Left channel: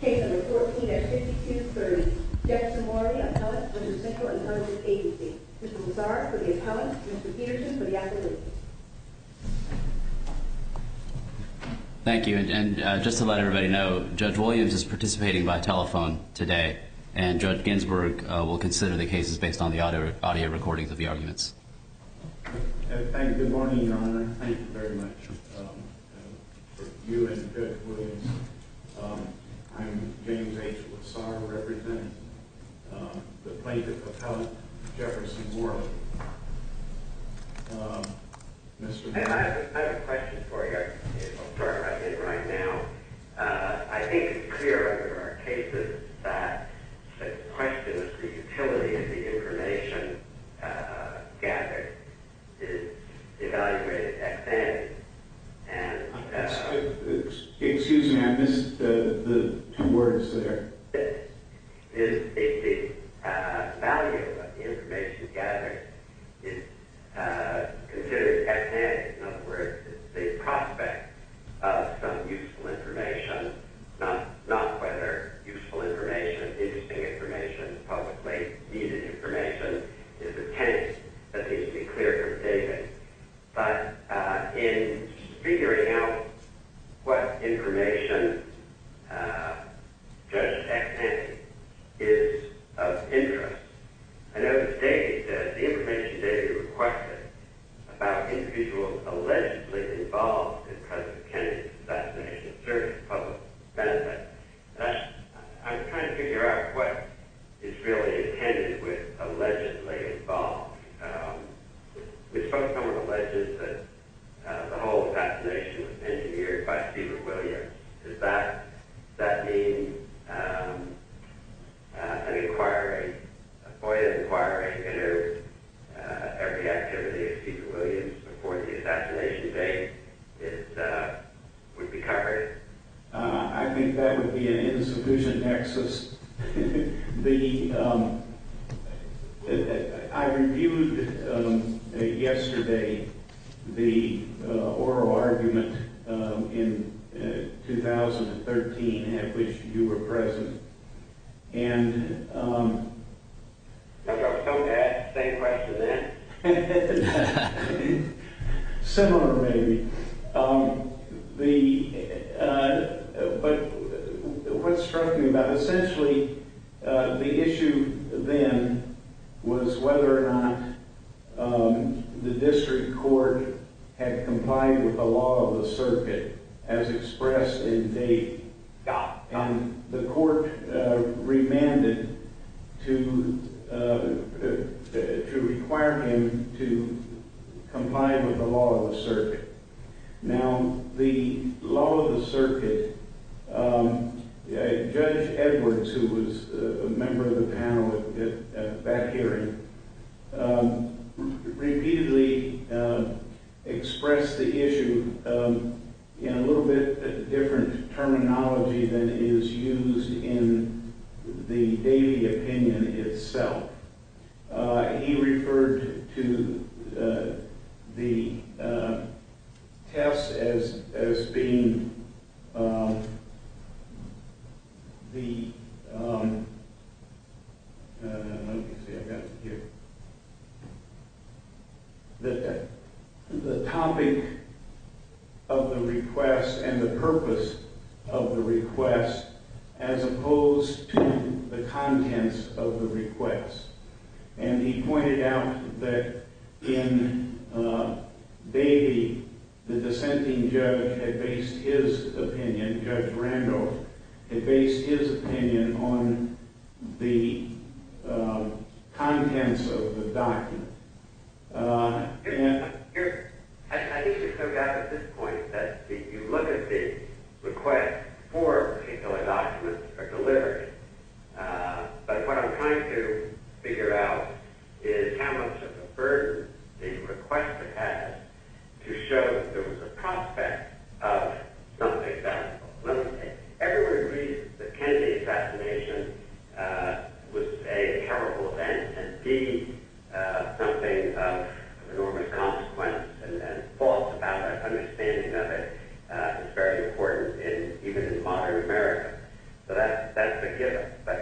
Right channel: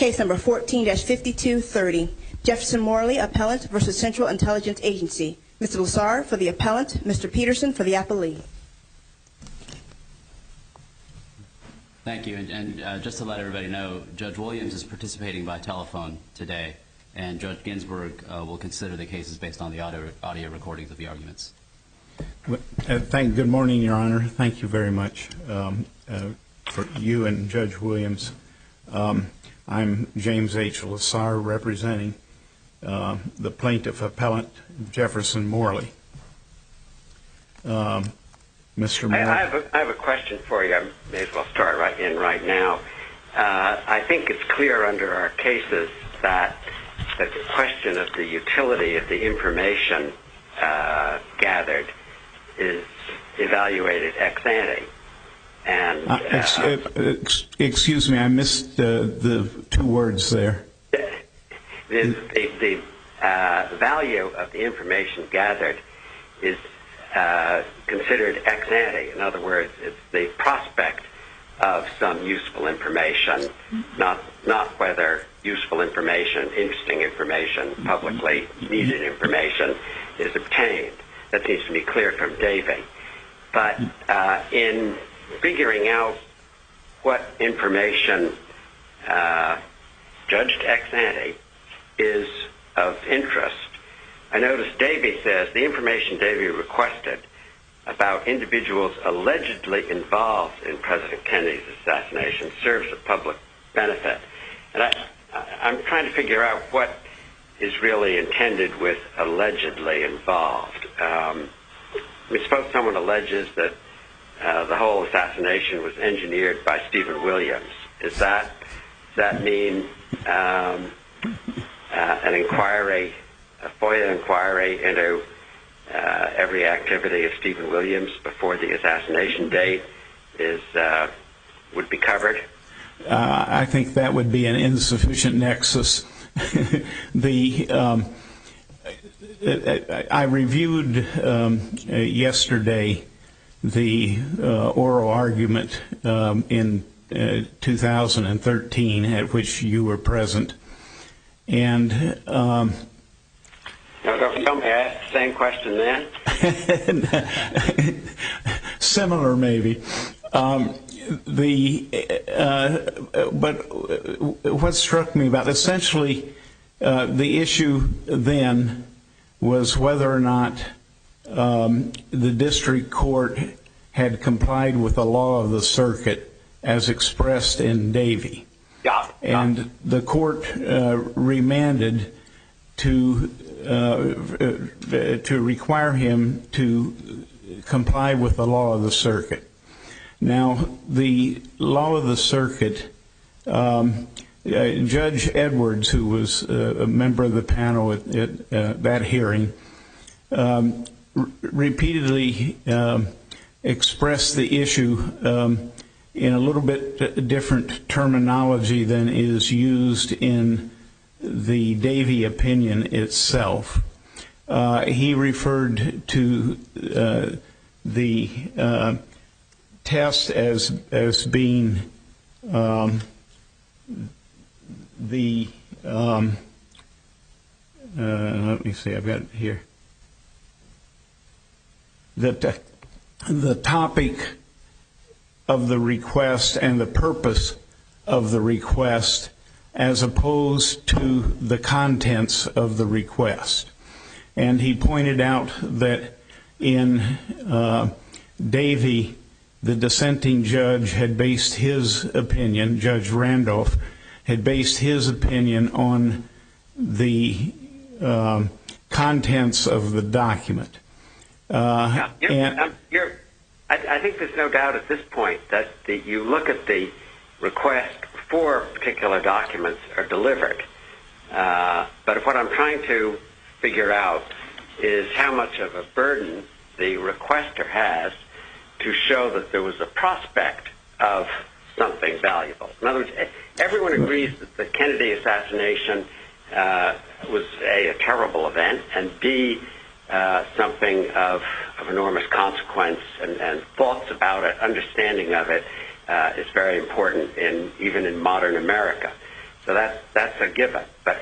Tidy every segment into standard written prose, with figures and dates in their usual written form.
Case number 14-5230. Jefferson Morley, appellant versus Central Intelligence Agency. Mr. Lassar for the appellant, Mr. Peterson for the appellee. Thank you. And just to let everybody know, Judge Williams is participating by telephone today, and Judge Ginsburg will consider the cases based on the audio recordings of the arguments. Good morning, Your Honor. Thank you very much for you and Judge Williams. I'm James H. Lassar, representing the plaintiff appellant, Jefferson Morley. Mr. Morley. I have a question for you. I may as well start right now. I think it's clear under our cases that the question of the utility of the information gathered is evaluated ex ante. And excuse me, I missed the two words there. The value of the information gathered is considered ex ante. In other words, it's the prospect of some useful information, not whether useful information, interesting information, publicly needed information is obtained. That seems to be clear from Davey. But in figuring out what information judged ex ante is of interest, I noticed Davey says the information Davey requested about individuals allegedly involved in President Kennedy's assassination serves a public benefit. And I'm trying to figure out what is really intended with allegedly involved. Suppose someone alleges that the whole assassination was engineered by Stephen Williams. Does that mean an inquiry, a FOIA inquiry into every activity of Stephen Williams before the assassination date would be covered? I think that would be an insufficient nexus. I reviewed yesterday the oral argument in 2013 at which you were present, and don't ask the same question then. Similar, maybe. But what struck me about essentially the issue then was whether or not the district court had complied with the law of the circuit as expressed in Davey. And the court remanded to require him to comply with the law of the circuit. Now, the law of the circuit, Judge Edwards, who was a member of the panel at that hearing, repeatedly expressed the issue in a little bit different terminology than is used in the Davey opinion itself. He referred to the test as being let me see, I've got it here. The topic of the request and the purpose of the request as opposed to the contents of the request. And he pointed out that in Davey, the dissenting judge had based his opinion, Judge Randolph, had based his opinion on the contents of the document. I think there's no doubt at this point that you look at the request before particular documents are delivered. But what I'm trying to figure out is how much of a burden the requester has to show that there was a prospect of something valuable. In other words, everyone agrees that the Kennedy assassination was A, a terrible event, and B, something of enormous consequence, and thoughts about it, understanding of it, is very important even in modern America. So that's a given. But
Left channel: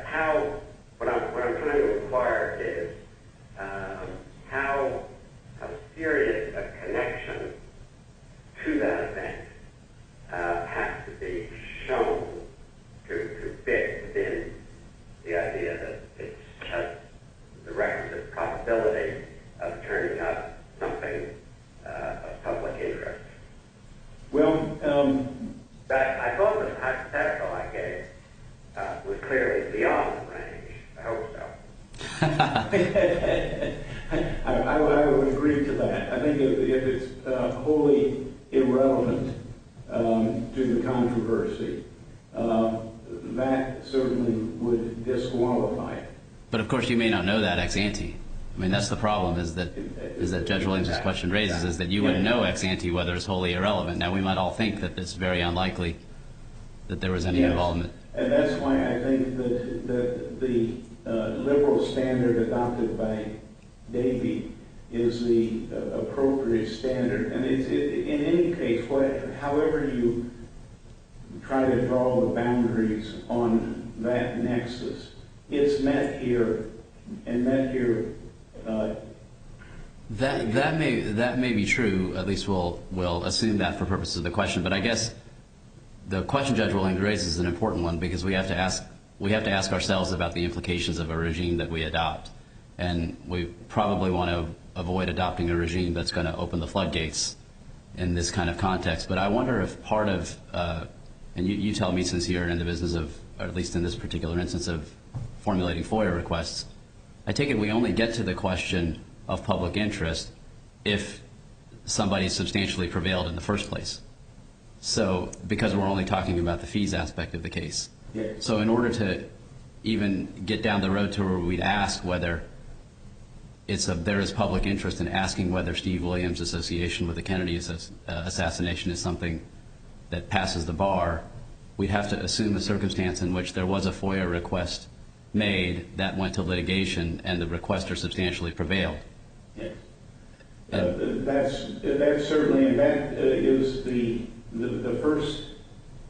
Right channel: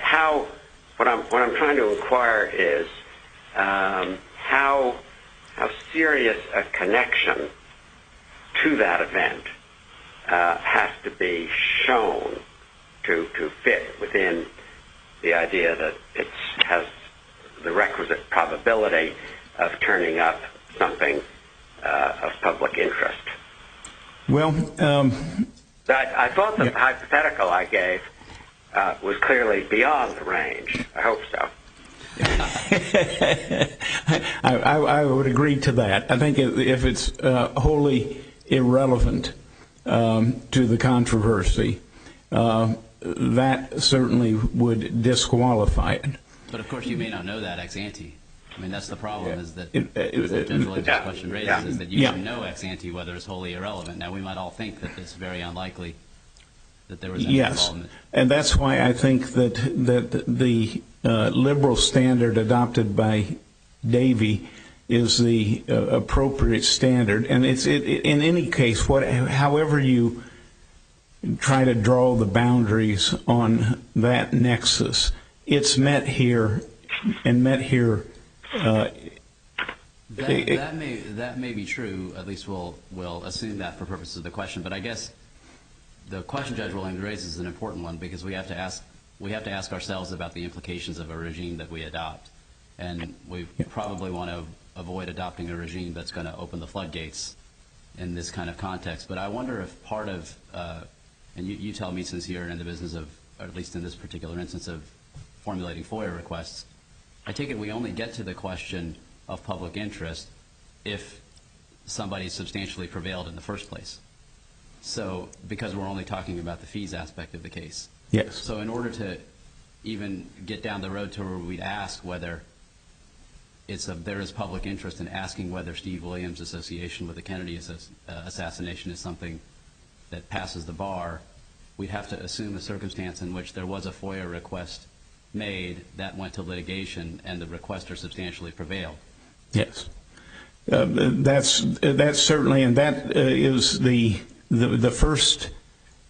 what I'm trying to inquire is how serious a connection to that event has to be shown to fit within the idea that it has the requisite probability of turning up something of public interest. Well, I thought the hypothetical I gave was clearly beyond the range. I hope so. I would agree to that. I think if it's wholly irrelevant to the controversy, that certainly would disqualify it. But of course, you may not know that ex ante. I mean, that's the problem. Is that Judge Williams' question raises is that you wouldn't know ex ante whether it's wholly irrelevant. Now, we might all think that it's very unlikely that there was any involvement. And that's why I think that the liberal standard adopted by Davey is the appropriate standard. And it's in any case, however you try to draw the boundaries on that nexus, it's met here and met here. That may be true. At least we'll assume that for purposes of the question. But I guess the question Judge Williams raises is an important one because we have to ask ourselves about the implications of a regime that we adopt, and we probably want to avoid adopting a regime that's going to open the floodgates in this kind of context. But I wonder if part of and you tell me, since you're in the business of, or at least in this particular instance, of formulating FOIA requests, I take it we only get to the question of public interest if somebody substantially prevailed in the first place. So, because we're only talking about the fees aspect of the case. Yes. So in order to even get down the road to where we'd ask whether there is public interest in asking whether Steve Williams' association with the Kennedy assassination is something that passes the bar, we'd have to assume a circumstance in which there was a FOIA request made that went to litigation and the requester substantially prevailed. Yes. That's certainly, and that is the first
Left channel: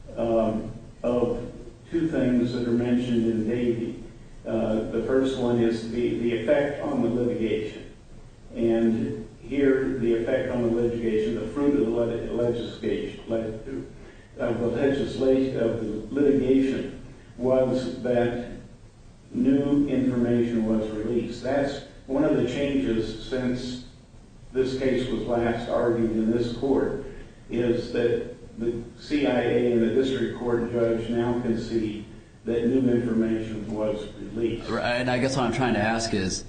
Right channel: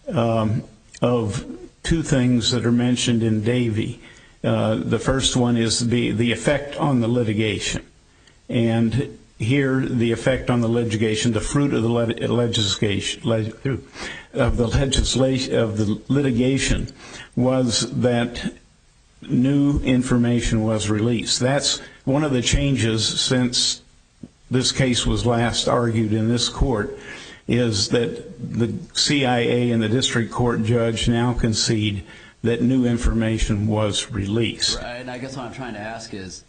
of two things that are mentioned in Davey. The first one is the effect on the litigation. And here, the effect on the litigation, the fruit of the litigation was that new information was released. That's one of the changes since this case was last argued in this court, is that the CIA and the district court judge now concede that new information was released. Right, and I guess what I'm trying to ask is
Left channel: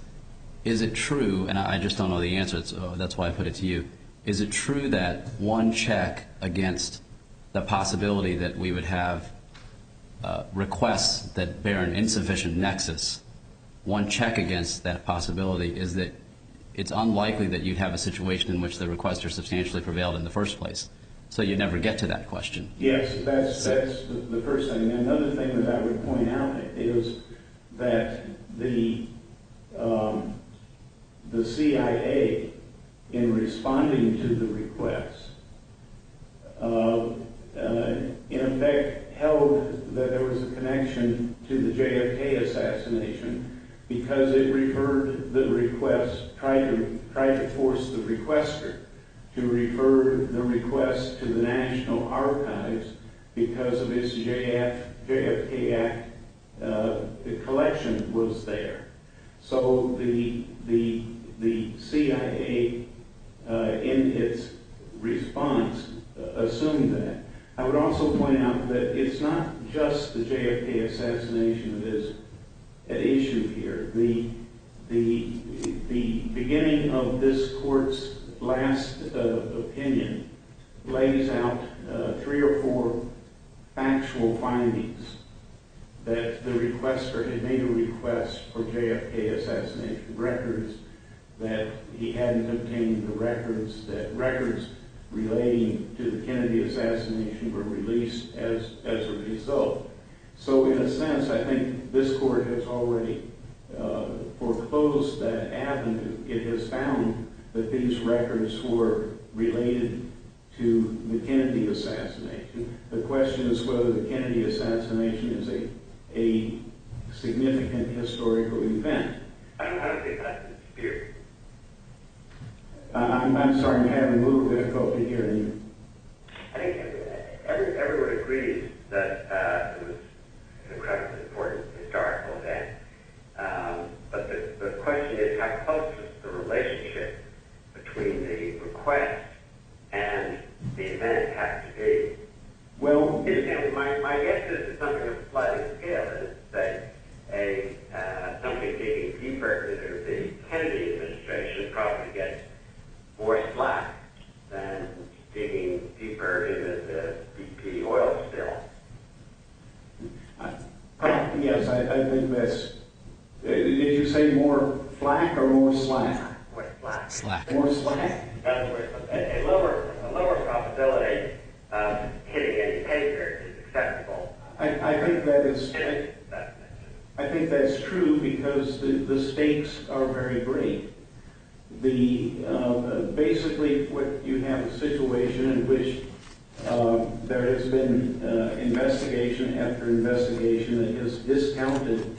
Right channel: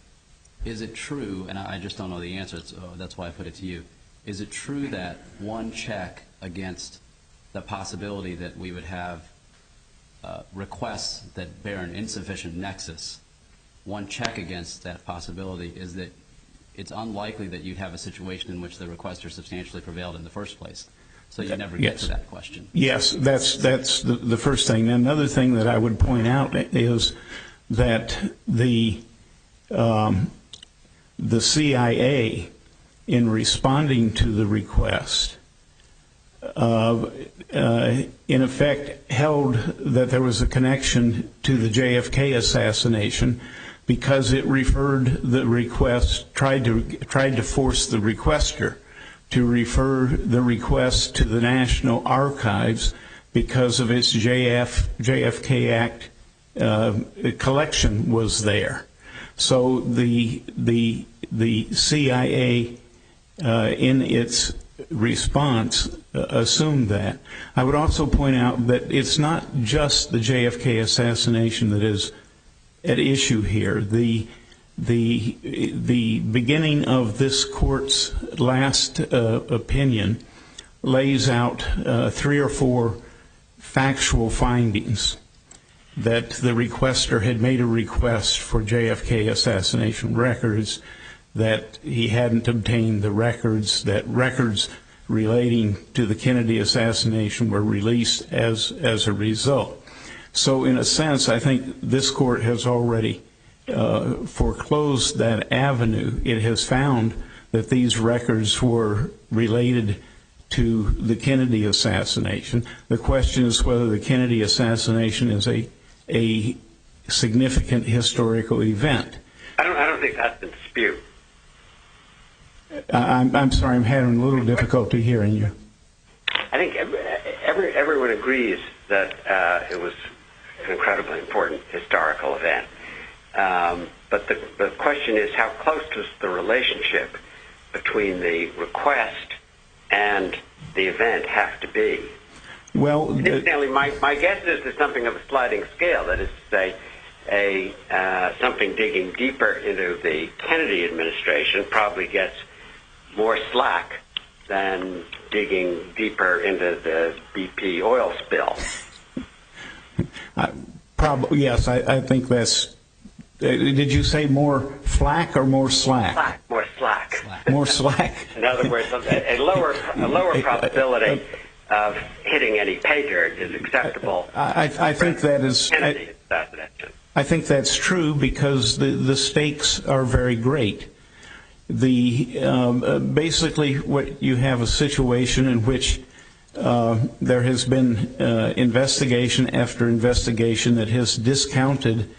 it true, and I just don't know the answer, so that's why I put it to you, is it true that one check against the possibility that we would have requests that bear an insufficient nexus, one check against that possibility is that it's unlikely that you'd have a situation in which the requester substantially prevailed in the first place. So you never get to that question. Yes, that's the first thing. And another thing that I would point out is that the CIA, in responding to the request, in effect held that there was a connection to the JFK assassination because it referred the request, tried to force the requester to refer the request to the National Archives because of its JFK Act collection was there. So the CIA, in its response, assumed that. I would also point out that it's not just the JFK assassination that is at issue here. The beginning of this court's last opinion lays out 3 or 4 factual findings that the requester had made a request for JFK assassination records, that he hadn't obtained the records, that records relating to the Kennedy assassination were released as a result. So in a sense, I think this court has already foreclosed that avenue. It has found that these records were related to the Kennedy assassination. The question is whether the Kennedy assassination is a significant historical event. I don't think that's in dispute. I'm sorry, I'm having a little difficulty hearing you. I think everyone agrees that it was an incredibly important historical event. But the question is, how close does the relationship between the request and the event have to be? Well, incidentally, my guess is there's something of a sliding scale. That is to say, something digging deeper into the Kennedy administration probably gets more slack than digging deeper into the BP oil spill. Probably, yes. I think that's. Did you say more flack or more slack? More slack. More slack. In other words, a lower probability of hitting any pay dirt is acceptable. I think that is. Kennedy assassination. I think that's true because the stakes are very great. Basically, what you have a situation in which there has been investigation after investigation that has discounted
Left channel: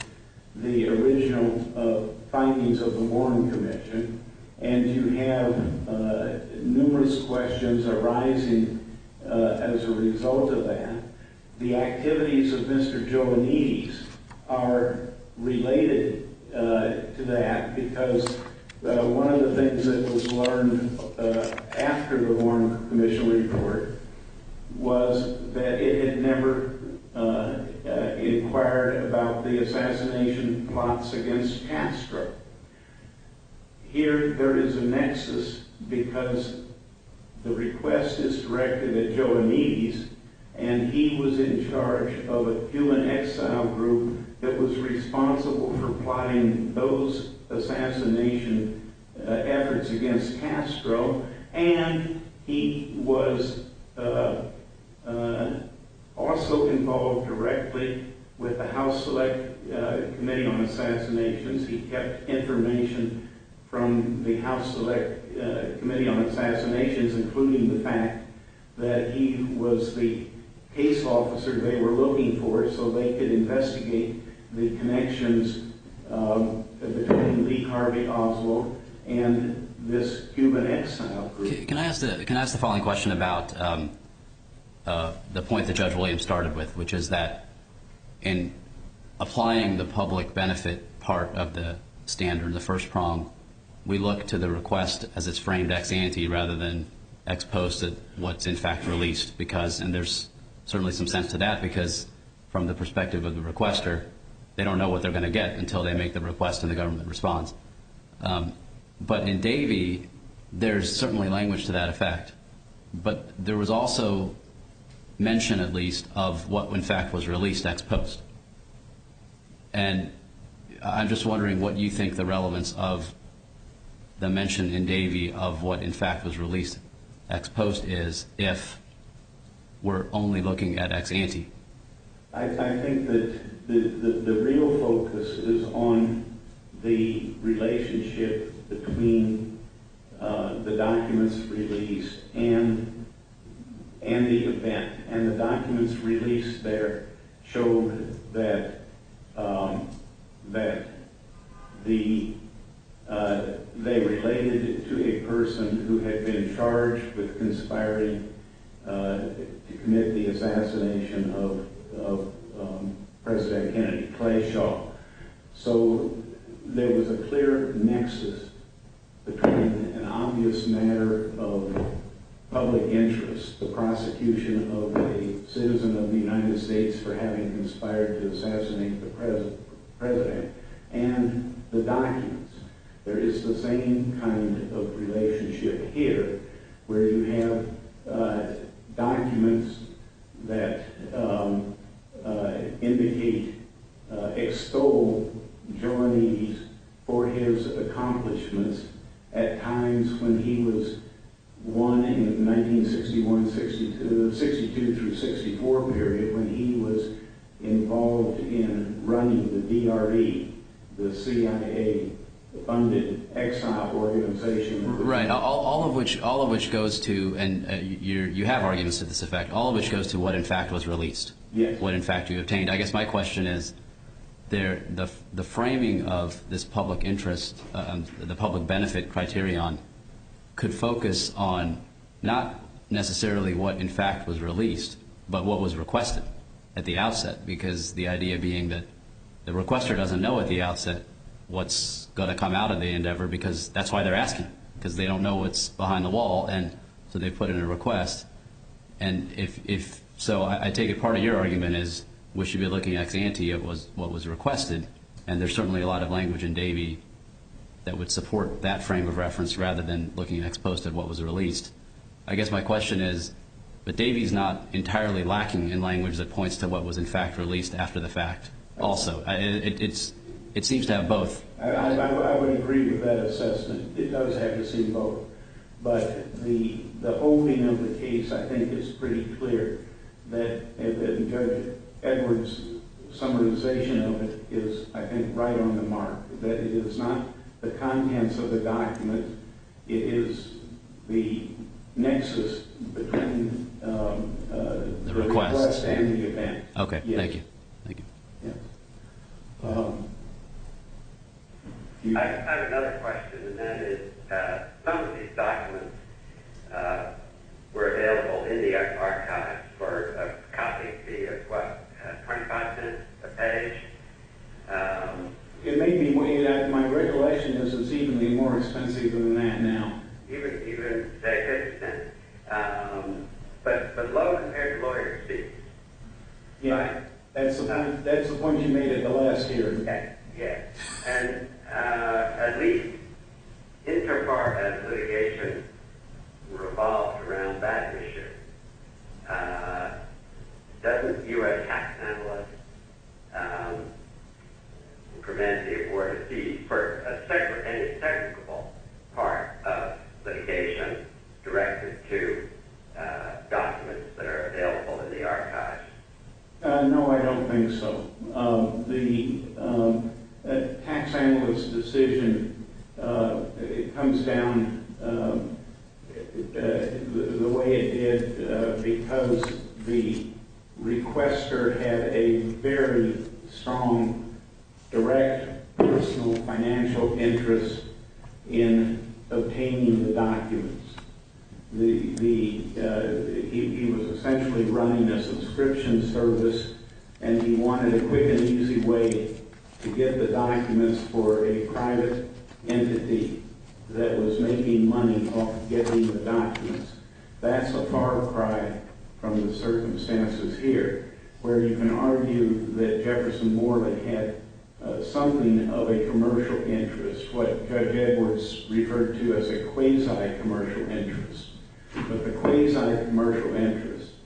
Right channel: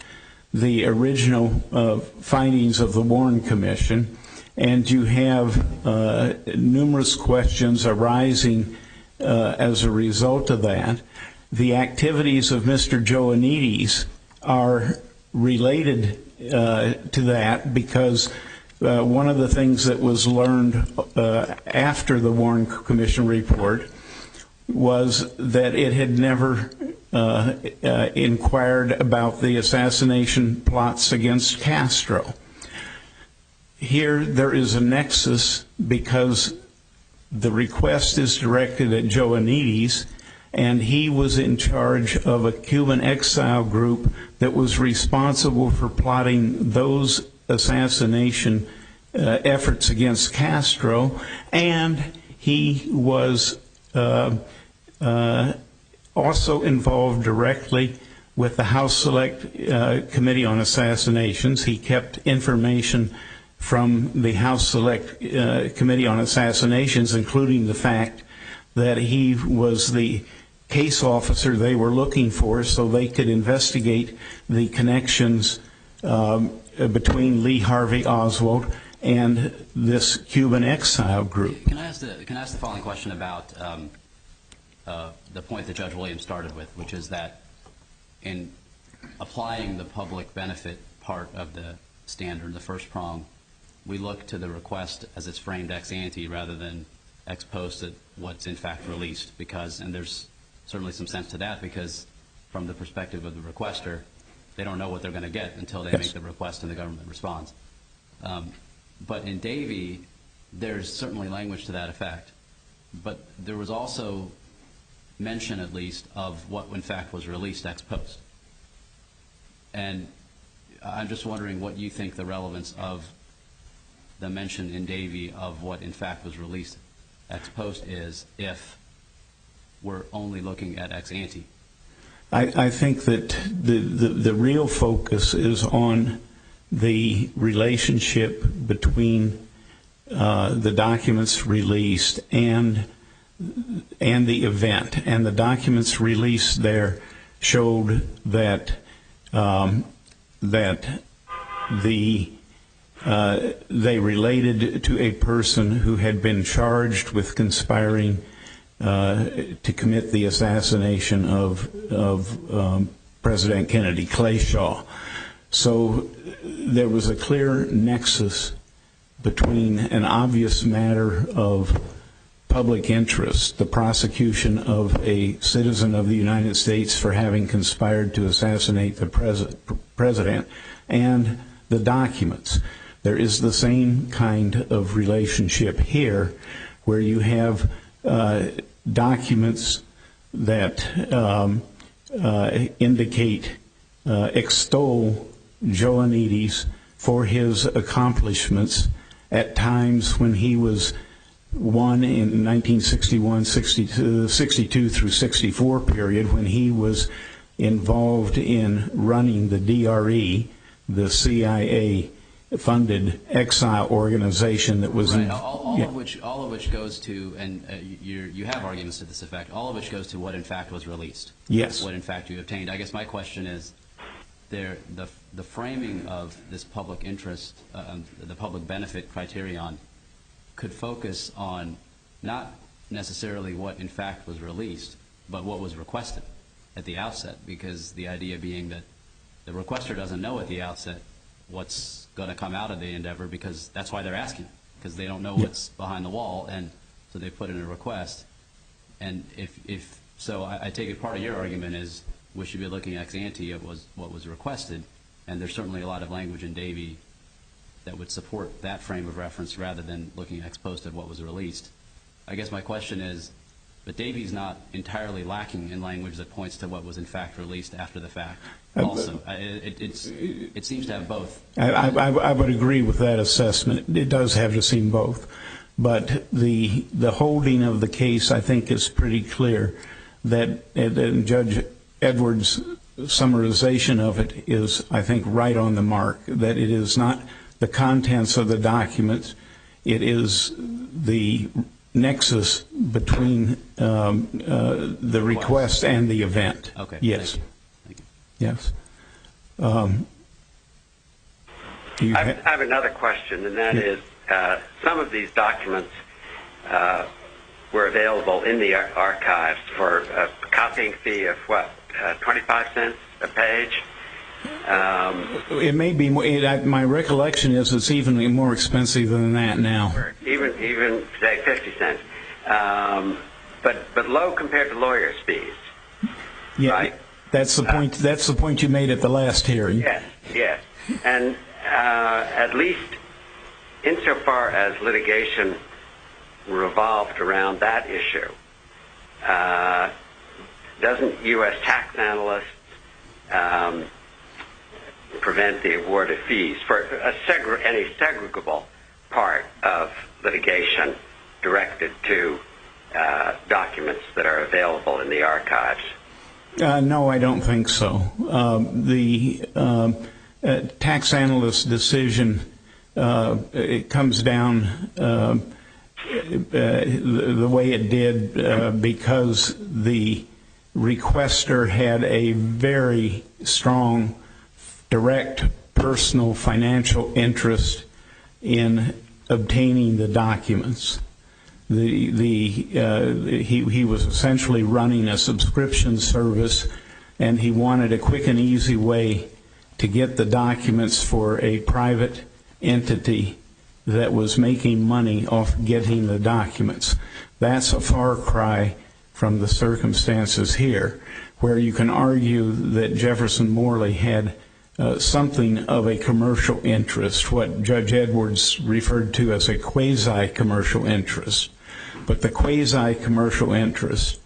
the original findings of the Warren Commission, and you have numerous questions arising as a result of that. The activities of Mr. Joannides are related to that because one of the things that was learned after the Warren Commission report was that it had never inquired about the assassination plots against Castro. Here there is a nexus because the request is directed at Joannides, and he was in charge of a Cuban exile group that was responsible for plotting those assassination efforts against Castro, and he was also involved directly with the House Select Committee on Assassinations. He kept information from the House Select Committee on Assassinations, including the fact that he was the case officer they were looking for so they could investigate the connections between Lee Harvey Oswald and this Cuban exile group. Can I ask the following question about the point that Judge Williams started with, which is that in applying the public benefit part of the standard, the first prong, we look to the request as it's framed ex ante rather than ex post at what's in fact released, and there's certainly some sense to that because from the perspective of the requester, they don't know what they're going to get until they make the request and the government responds. But in Davey, there's certainly language to that effect. But there was also mention, at least, of what in fact was released ex post. And I'm just wondering what you think the relevance of the mention in Davey of what in fact was released ex post is if we're only looking at ex ante. I think that the real focus is on the relationship between the documents released and the event. And the documents released there showed that they related to a person who had been charged with conspiring to commit the assassination of President Kennedy, Clay Shaw. So there was a clear nexus between an obvious matter of public interest, the prosecution of a citizen of the United States for having conspired to assassinate the president, and the documents. There is the same kind of relationship here where you have documents that extol Joannides for his accomplishments at times when he was one in 1961, 62 through 64 period, when he was involved in running the DRE, the CIA funded exile organization that was right. All of which goes to, and you have arguments to this effect. All of which goes to what in fact was released. Yes. What in fact you obtained. I guess my question is, the framing of this public interest, the public benefit criterion, could focus on not necessarily what in fact was released, but what was requested at the outset, because the idea being that the requester doesn't know at the outset what's going to come out of the endeavor, because that's why they're asking, because they don't know what's behind the wall, and so they put in a request. And if so, I take it part of your argument is we should be looking ex ante at what was requested, and there's certainly a lot of language in Davey that would support that frame of reference rather than looking ex post at what was released. I guess my question is, but Davey's not entirely lacking in language that points to what was in fact released after the fact. Also, it seems to have both. I would agree with that assessment. It does have to seem both. But the holding of the case, I think, is pretty clear that Judge Edwards' summarization of it is, I think, right on the mark, that it is not the contents of the documents, it is the nexus between the request and the event. Okay, yes. Thank you. Yes. I have another question, and that is, some of these documents were available in the archives for a copying fee of, 25 cents a page? It may be. My recollection is it's even more expensive than that now. Even say 50 cents, but low compared to lawyers' fees. Yeah, right? That's the point. That's the point you made at the last hearing. Yes, and at least insofar as litigation revolved around that issue, doesn't U.S. tax analysts prevent the award of fees for any segregable part of litigation directed to documents that are available in the archives? No, I don't think so. The tax analyst decision, it comes down the way it did because the requester had a very strong direct personal financial interest in obtaining the documents. He was essentially running a subscription service, and he wanted a quick and easy way to get the documents for a private entity that was making money off getting the documents. That's a far cry from the circumstances here, where you can argue that Jefferson Morley had something of a commercial interest, what Judge Edwards referred to as a quasi-commercial interest. But the quasi-commercial interest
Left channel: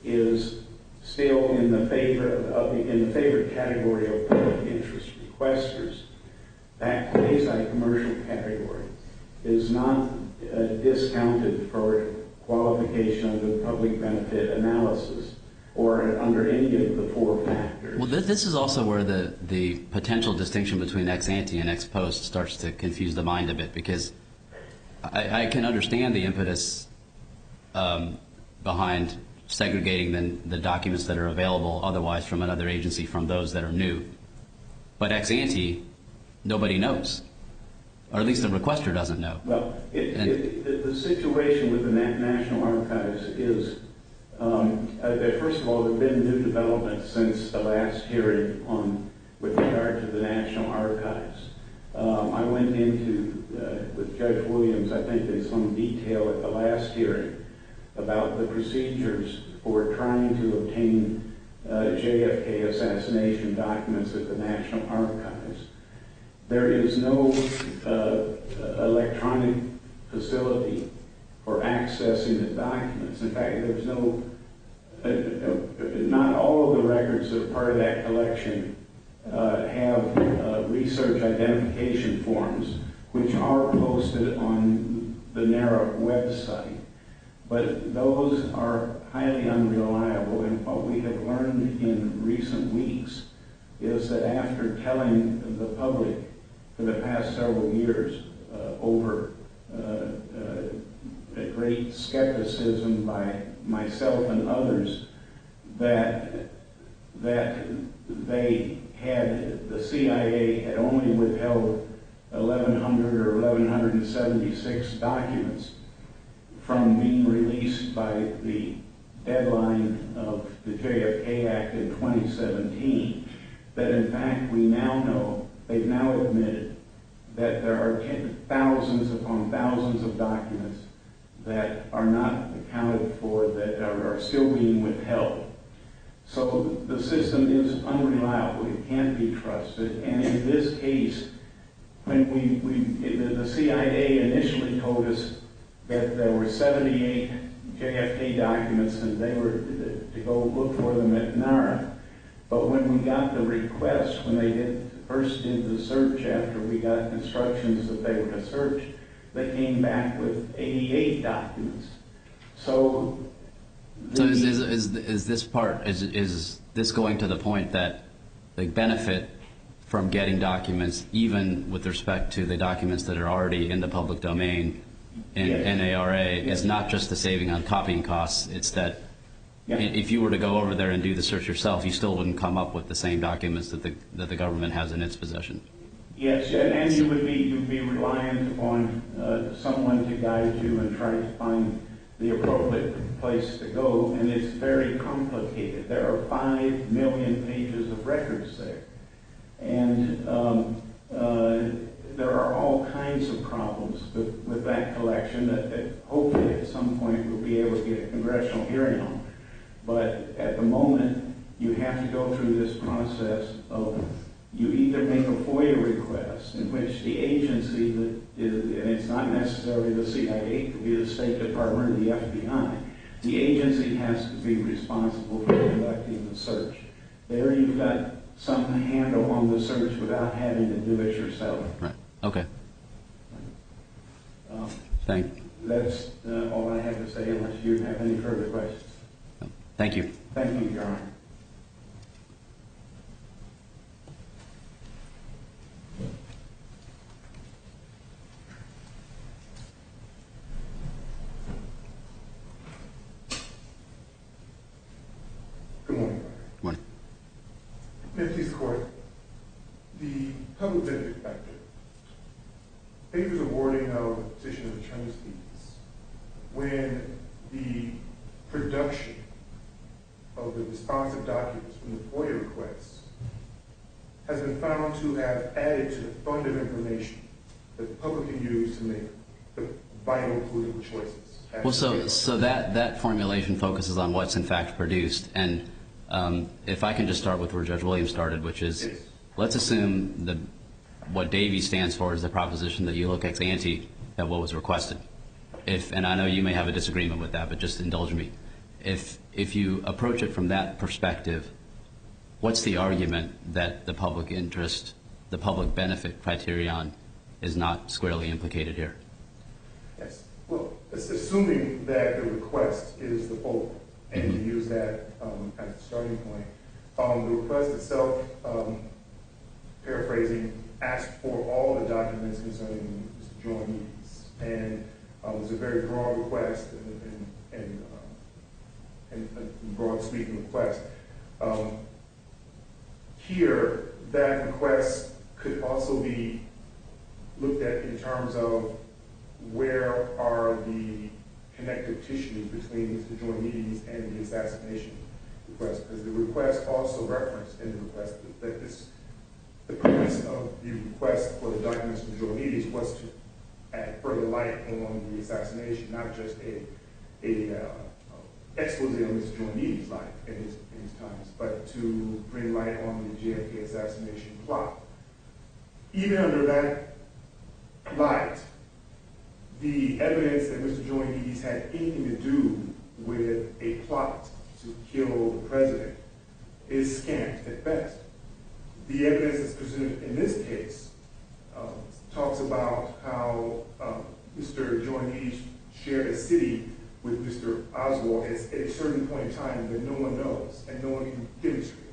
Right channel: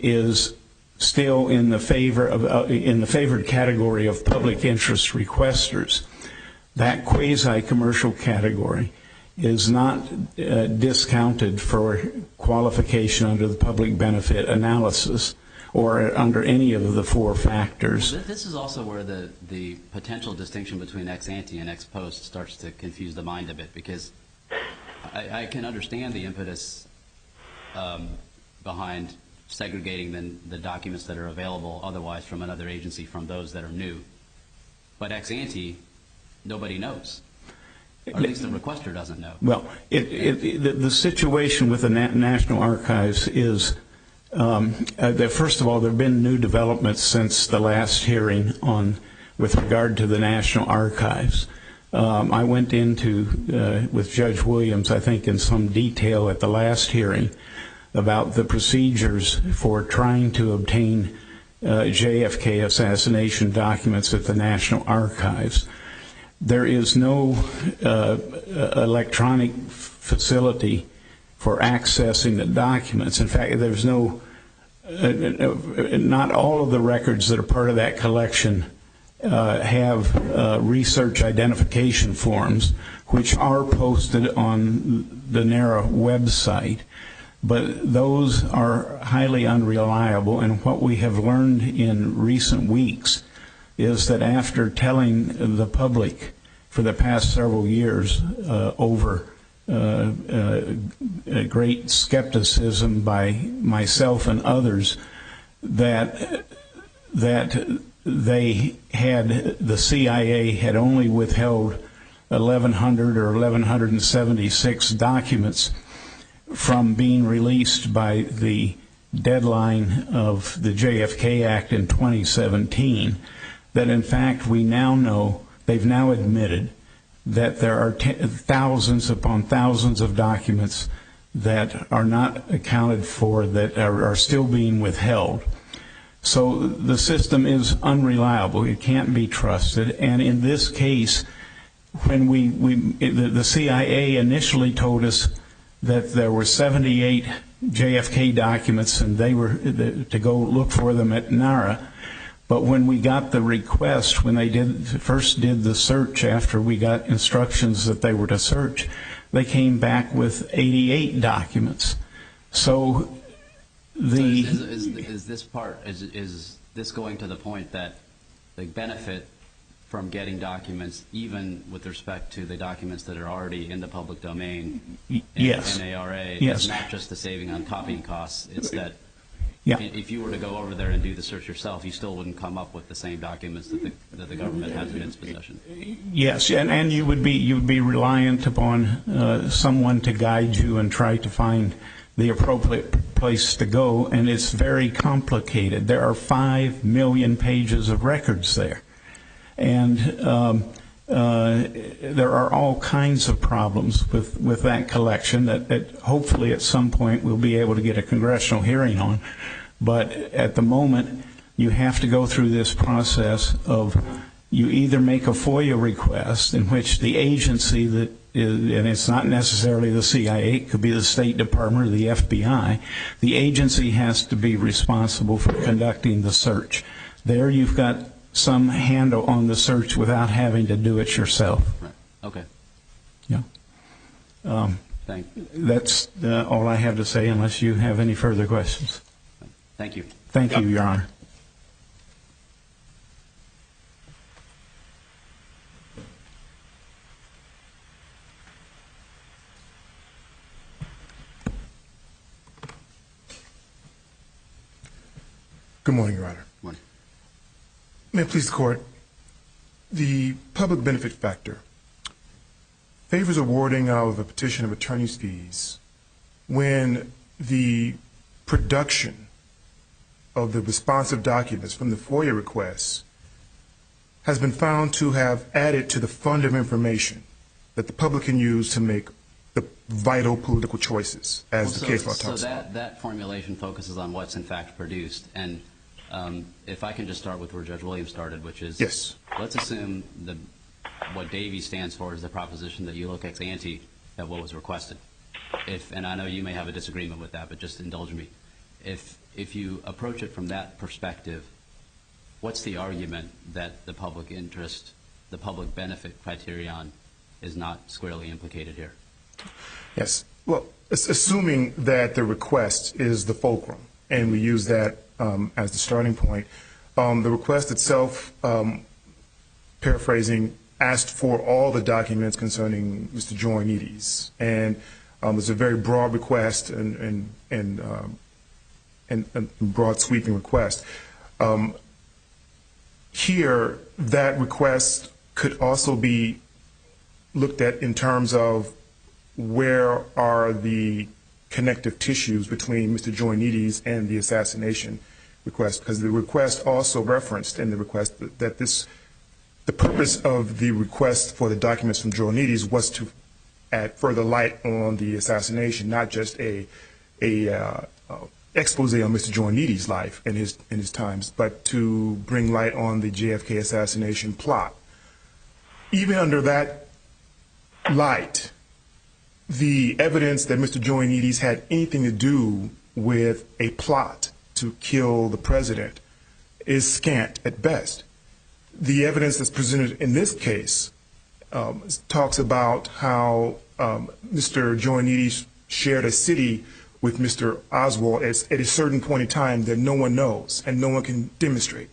is still in the favored category of public interest requesters. That quasi-commercial category is not discounted for qualification under the public benefit analysis or under any of the four factors. Well, this is also where the potential distinction between ex ante and ex post starts to confuse the mind a bit, because I can understand the impetus behind segregating the documents that are available otherwise from another agency from those that are new. But ex ante, nobody knows, or at least the requester doesn't know. Well, the situation with the National Archives is that, first of all, there have been new developments since the last hearing with regard to the National Archives. I went into, with Judge Williams, I think in some detail at the last hearing, about the procedures for trying to obtain JFK assassination documents at the National Archives. There is no electronic facility for accessing the documents. In fact, there's not all of the records that are part of that collection have research identification forms, which are posted on the NARA website. But those are highly unreliable, and what we have learned in recent weeks is that after telling the public for the past several years over great skepticism by myself and others that the CIA had only withheld 1,100 or 1,176 documents from being released by the deadline of the JFK Act in 2017, that in fact we now know, they've now admitted that there are thousands upon thousands of documents that are not accounted for, that are still being withheld. So the system is unreliable. It can't be trusted. And in this case, when the CIA initially told us that there were 78 JFK documents and they were to go look for them at NARA, but when we got the request, when they first did the search after we got instructions that they were to search, they came back with 88 documents. So is this going to the point that the benefit from getting documents, even with respect to the documents that are already in the public domain in NARA, is not just the saving on copying costs? It's that if you were to go over there and do the search yourself, you still wouldn't come up with the same documents that the government has in its possession. Yes, and you would be reliant upon someone to guide you and try to find the appropriate place to go, and it's very complicated. There are 5 million pages of records there, and there are all kinds of problems with that collection that hopefully at some point we'll be able to get a congressional hearing on. But at the moment, you have to go through this process of you either make a FOIA request in which the agency and it's not necessarily the CIA, it could be the State Department or the FBI, the agency has to be responsible for conducting the search. There you've got some handle on the search without having to do it yourself. Right. Okay. Yeah. Thank you. That's all I have to say, unless you have any further questions. Thank you. Thank you, Your Honor. Good morning, Your Honor. Good morning. May it please the Court, the public benefit factor favors awarding of a petition of attorney's fees when the production of the responsive documents from the FOIA requests has been found to have added to the fund of information that the public can use to make the vital political choices. So that formulation focuses on what's in fact produced. And if I can just start with where Judge Williams started, which is, yes, let's assume what Davey stands for is the proposition that you look ex ante at what was requested. And I know you may have a disagreement with that, but just indulge me. If you approach it from that perspective, what's the argument that the public interest, the public benefit criterion is not squarely implicated here? Yes. Well, assuming that the request is the fulcrum, and we use that as the starting point, the request itself, paraphrasing, asked for all the documents concerning Mr. Joynides. And it's a very broad request and broad sweeping request. Here, that request could also be looked at in terms of where are the connective tissues between Mr. Joynides and the assassination request, because the request also referenced in the request that the purpose of the request for the documents from Joynides was to add further light on the assassination, not just a expose on Mr. Joynides' life and his times, but to bring light on the JFK assassination plot. Even under that light, the evidence that Mr. Joynides had anything to do with a plot to kill the president is scant at best. The evidence that's presented in this case talks about how Mr. Joynides shared a city with Mr. Oswald at a certain point in time that no one knows and no one can demonstrate.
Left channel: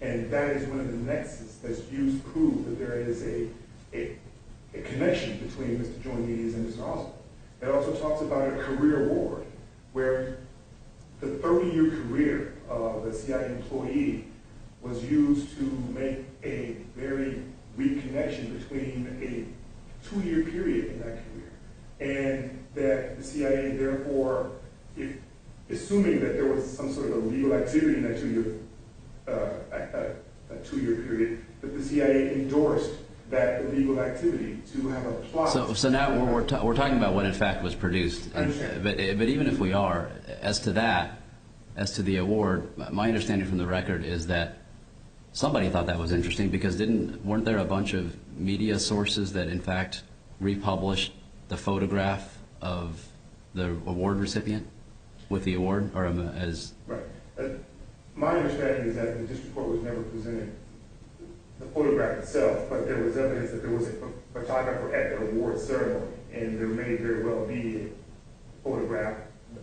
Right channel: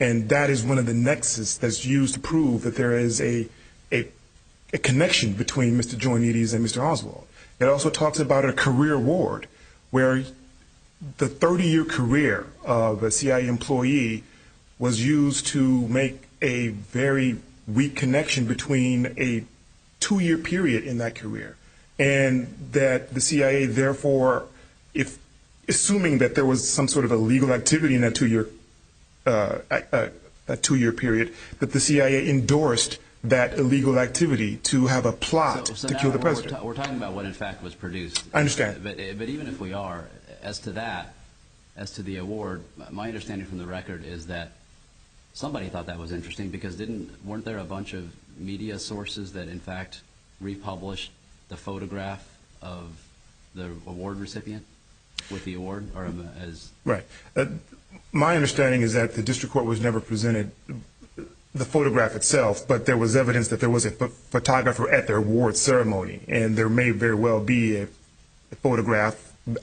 And that is one of the nexus that's used to prove that there is a a connection between Mr. Joinides and Mr. Oswald. It also talks about a career award where the 30-year career of a CIA employee was used to make a very weak connection between a 2-year period in that career. And that the CIA, therefore, if assuming that there was some sort of illegal activity in that 2-year period, that the CIA endorsed that illegal activity to have a plot so to now kill the president. we're talking about what in fact was produced. I understand. But even if we are, as to that, as to the award, my understanding from the record is that somebody thought that was interesting because weren't there a bunch of media sources that in fact republished the photograph of the award recipient with the award, or as right? My understanding is that the district court was never presented the photograph itself, but there was evidence that there was a photographer at their award ceremony, and there may very well be a photograph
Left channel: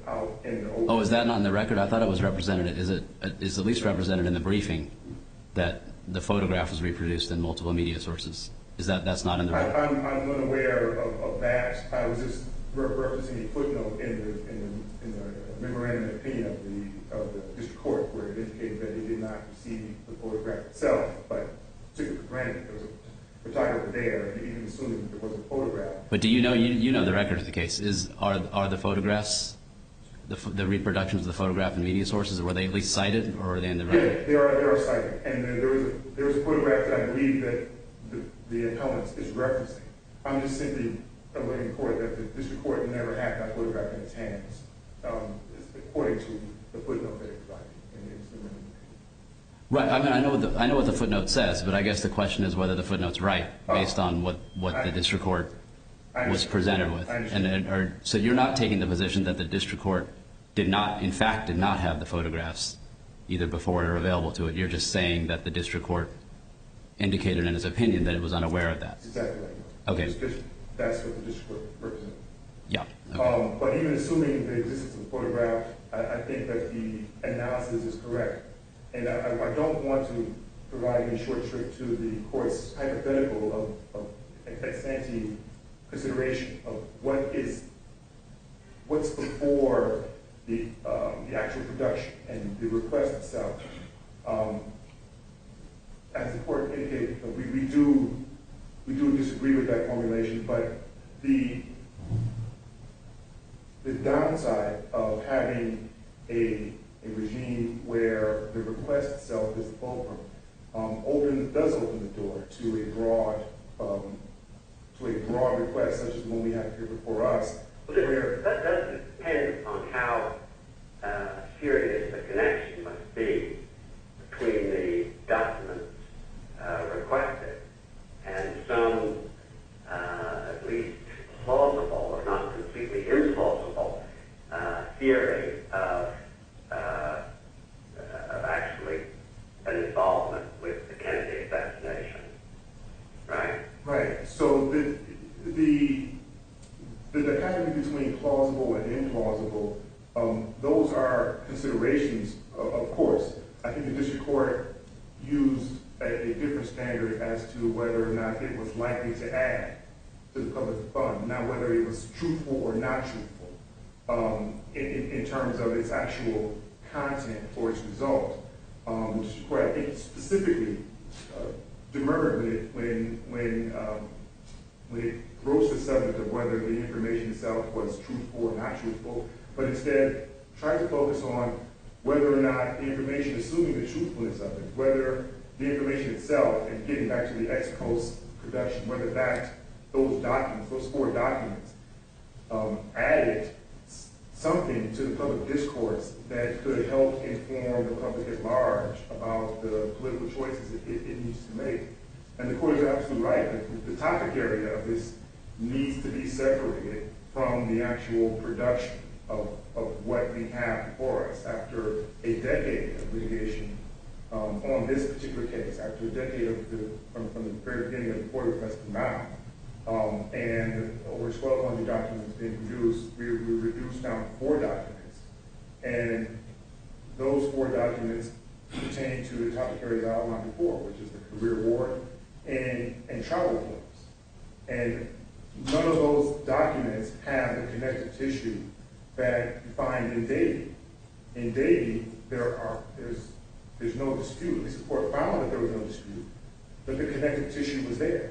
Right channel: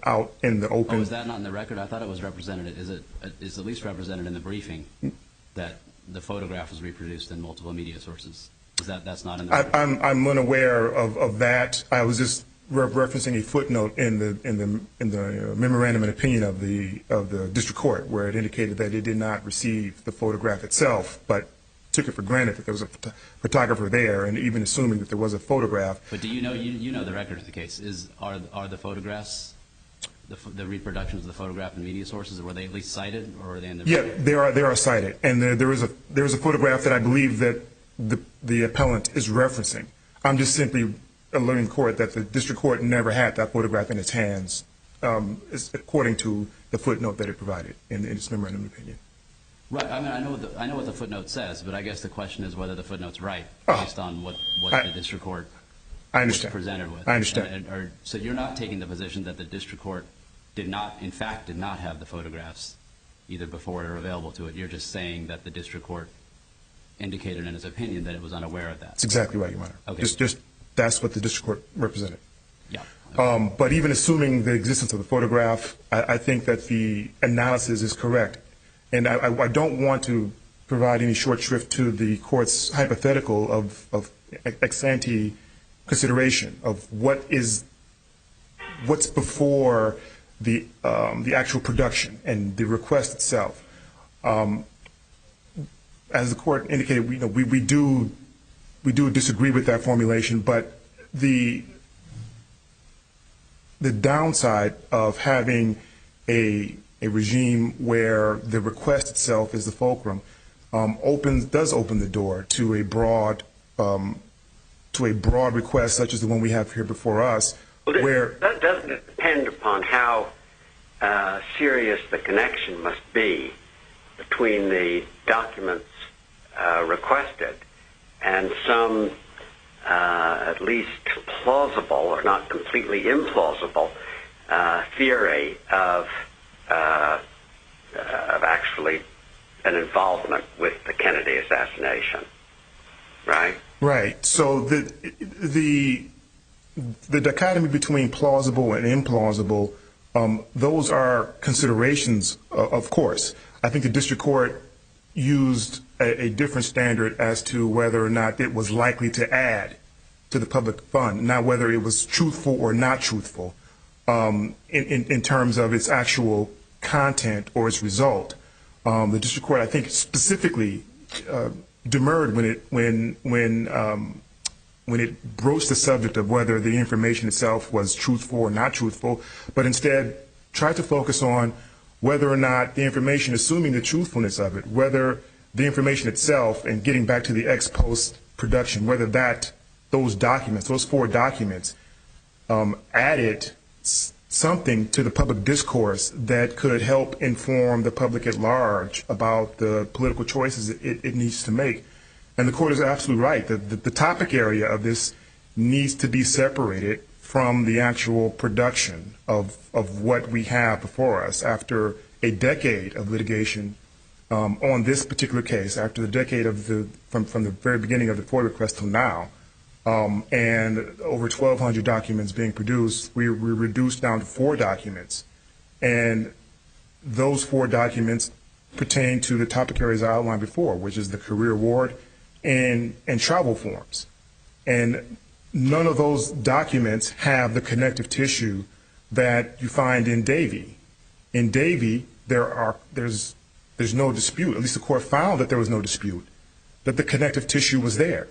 out in the open. Oh, is that not in the record? I thought it was represented. Is at least represented in the briefing that the photograph was reproduced in multiple media sources? That's not in the record? I'm unaware of that. I was just referencing a footnote in the memorandum of opinion of the district court where it indicated that it did not receive the photograph itself, but took it for granted that there was a photographer there, and even assuming that there was a photograph. But do you know the record of the case? Are the photographs, the reproductions of the photograph in media sources, were they at least cited, or are they in the record? Yeah, they are cited, and there is a photograph that I believe that the appellant is referencing. I'm just simply alerting the court that the district court never had that photograph in its hands, according to the footnote that it provided in its memorandum of opinion. Right. I mean, I know what the footnote says, but I guess the question is whether the footnote's right based on what the district court was presented with. I understand. So you're not taking the position that the district court did not have the photographs either before or available to it. You're just saying that the district court indicated in its opinion that it was unaware of that. That's exactly right, Your Honor. Okay. Just that's what the district court represented. Yeah. Okay. But even assuming the existence of the photograph, I think that the analysis is correct. And I don't want to provide any short shrift to the court's hypothetical of ex ante consideration of what's before the actual production and the request itself. As the court indicated, we do disagree with that formulation, but the downside of having a regime where the request itself is the fulcrum does open the door to a broad request such as the one we have here before us. Well, that doesn't depend upon how serious the connection must be between the documents requested and some at least plausible or not completely implausible theory of actually an involvement with the Kennedy assassination, right? Right. So the dichotomy between plausible and implausible, those are considerations, of course. I think the district court used a different standard as to whether or not it was likely to add to the public fund, not whether it was truthful or not truthful in terms of its actual content or its result. The district court, I think, specifically demurred when it broached the subject of whether the information itself was truthful or not truthful, but instead tried to focus on whether or not the information, assuming the truthfulness of it, whether the information itself, and getting back to the ex post production, whether those documents, those 4 documents, added something to the public discourse that could help inform the public at large about the political choices it needs to make. And the court is absolutely right. The topic area of this needs to be separated from the actual production of what we have before us after a decade of litigation on this particular case, after the decade of from the very beginning of the FOIA request till now, and over 1,200 documents being produced. We're reduced down to 4 documents, and those 4 documents pertain to the topic areas I outlined before, which is the career award and travel forms. And none of those documents have the connective tissue that you find in Davey. In Davey, there's no dispute, at least the court found that there was no dispute, that the connective tissue was there.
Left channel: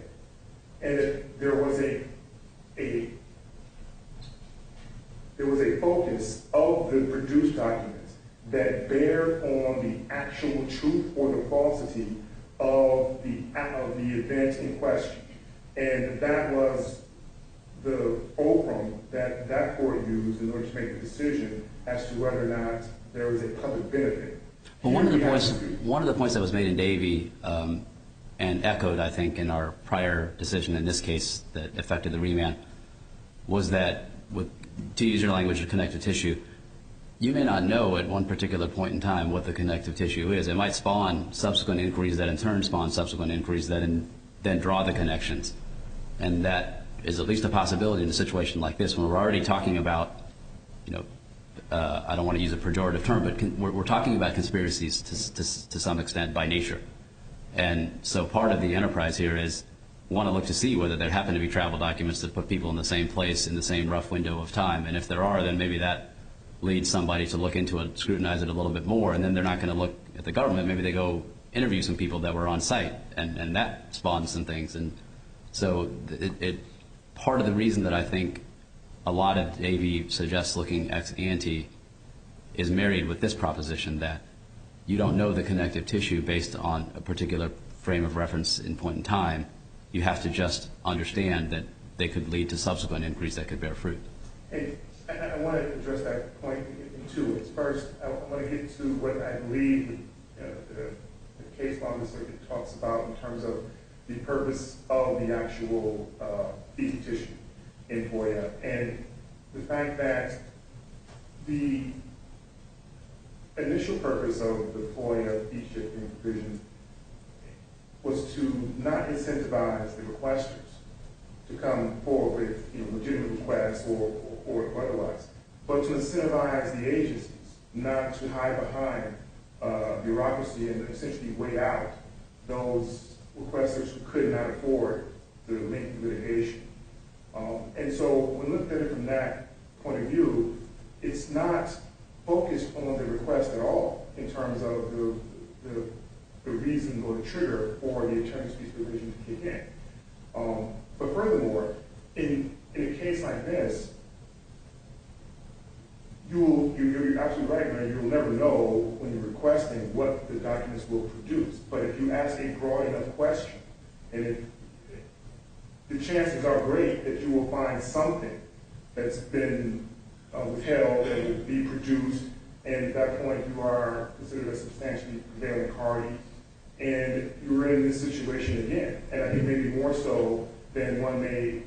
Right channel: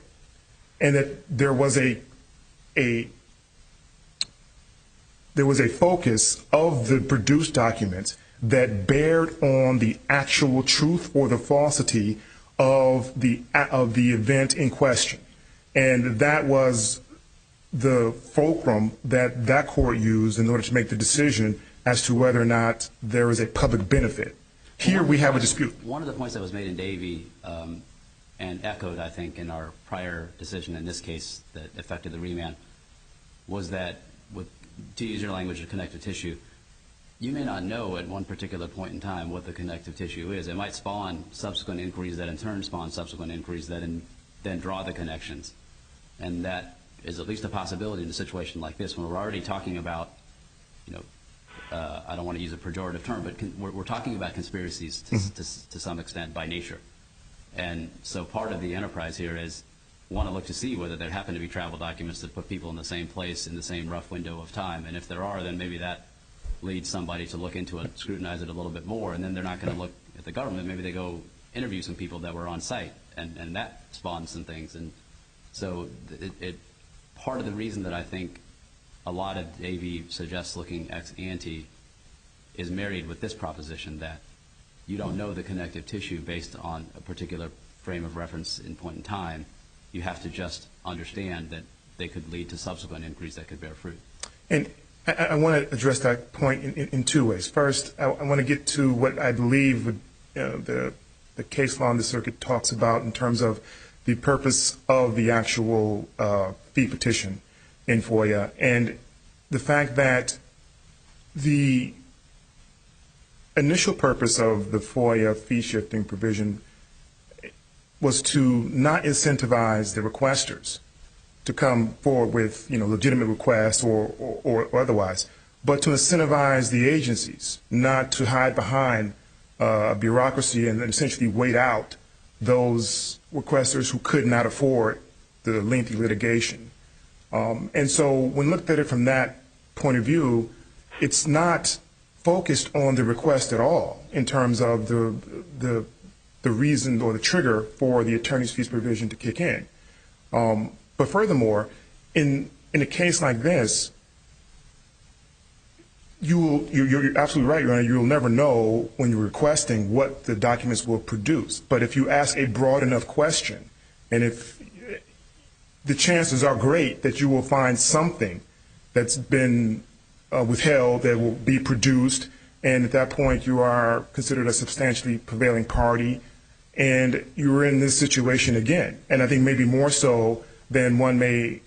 And that there was a focus of the produced documents that bared on the actual truth or the falsity of the event in question. And that was the fulcrum that court used in order to make the decision as to whether or not there was a public benefit. Here we have a dispute. One of the points that was made in Davey and echoed, I think, in our prior decision in this case that affected the remand was that, to use your language of connective tissue, you may not know at one particular point in time what the connective tissue is. It might spawn subsequent inquiries that in turn spawn subsequent inquiries that then draw the connections. And that is at least a possibility in a situation like this when we're already talking about, I don't want to use a pejorative term, but we're talking about conspiracies to some extent by nature. And so part of the enterprise here is want to look to see whether there happen to be travel documents that put people in the same place in the same rough window of time. And if there are, then maybe that leads somebody to look into it, scrutinize it a little bit more, and then they're not going to look at the government. Maybe they go interview some people that were on site, and that spawns some things. And so part of the reason that I think a lot of Davey suggests looking ex ante is married with this proposition that you don't know the connective tissue based on a particular frame of reference in point in time. You have to just understand that they could lead to subsequent inquiries that could bear fruit. And I want to address that point in two ways. First, I want to get to what I believe the case law in the circuit talks about in terms of the purpose of the actual fee petition in FOIA, and the fact that the initial purpose of the FOIA fee shifting provision was to not incentivize the requesters to come forward with legitimate requests or otherwise, but to incentivize the agencies not to hide behind bureaucracy and essentially wait out those requesters who could not afford the lengthy litigation. And so when looked at it from that point of view, it's not focused on the request at all in terms of the reason or the trigger for the attorney's fees provision to kick in. But furthermore, in a case like this, you're absolutely right, Your Honor. You'll never know when you're requesting what the documents will produce. But if you ask a broad enough question, and if the chances are great that you will find something that's been withheld that will be produced, and at that point you are considered a substantially prevailing party, and you're in this situation again. And I think maybe more so than maybe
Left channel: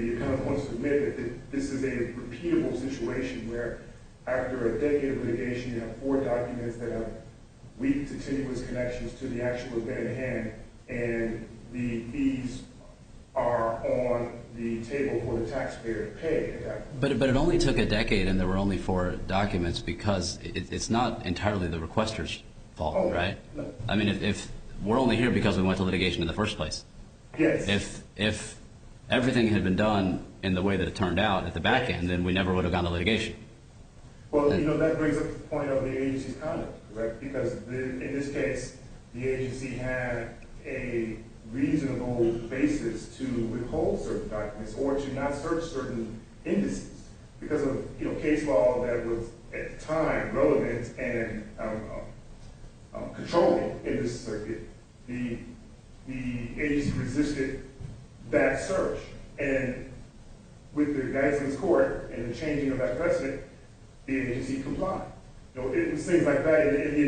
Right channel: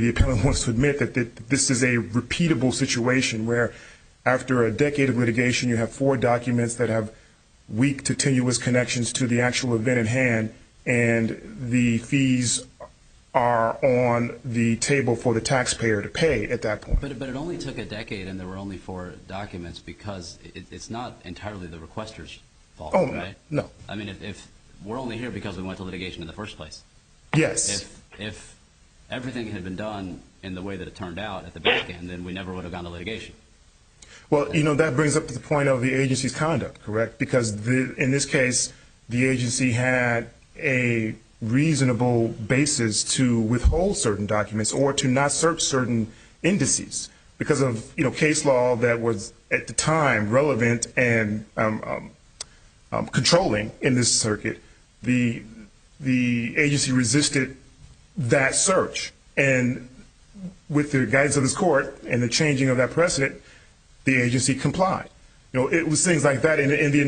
the appellant wants to admit that this is a repeatable situation where after a decade of litigation you have 4 documents that have weak to tenuous connections to the actual event at hand, and the fees are on the table for the taxpayer to pay at that point. But it only took a decade and there were only 4 documents because it's not entirely the requester's fault, right? No. I mean, if we're only here because we went to litigation in the first place. Yes. If everything had been done in the way that it turned out at the back end, then we never would have gone to litigation. Well, that brings up to the point of the agency's conduct, correct? Because in this case, the agency had a reasonable basis to withhold certain documents or to not search certain indices because of case law that was at the time relevant and controlling in this circuit. The agency resisted that search, and with the guidance of this court and the changing of that precedent, the agency complied. It was things like that in the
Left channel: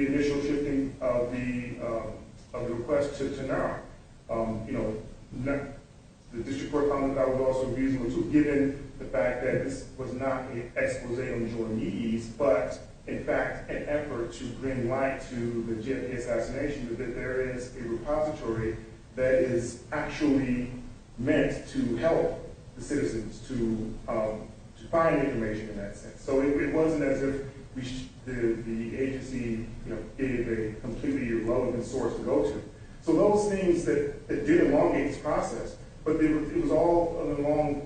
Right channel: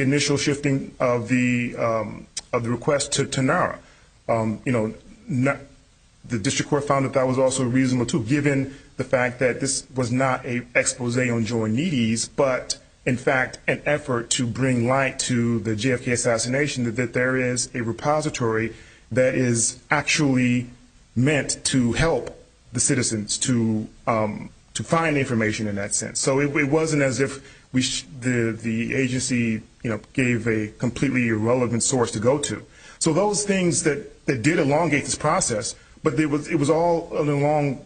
initial shifting of the request to NARA. The district court found that was also reasonable too, given the fact that this was not an expose on Joe Needy's, but in fact an effort to bring light to the JFK assassination, that there is a repository that is actually meant to help the citizens to find information in that sense. So it wasn't as if the agency gave a completely irrelevant source to go to. So those things that did elongate this process, but it was all along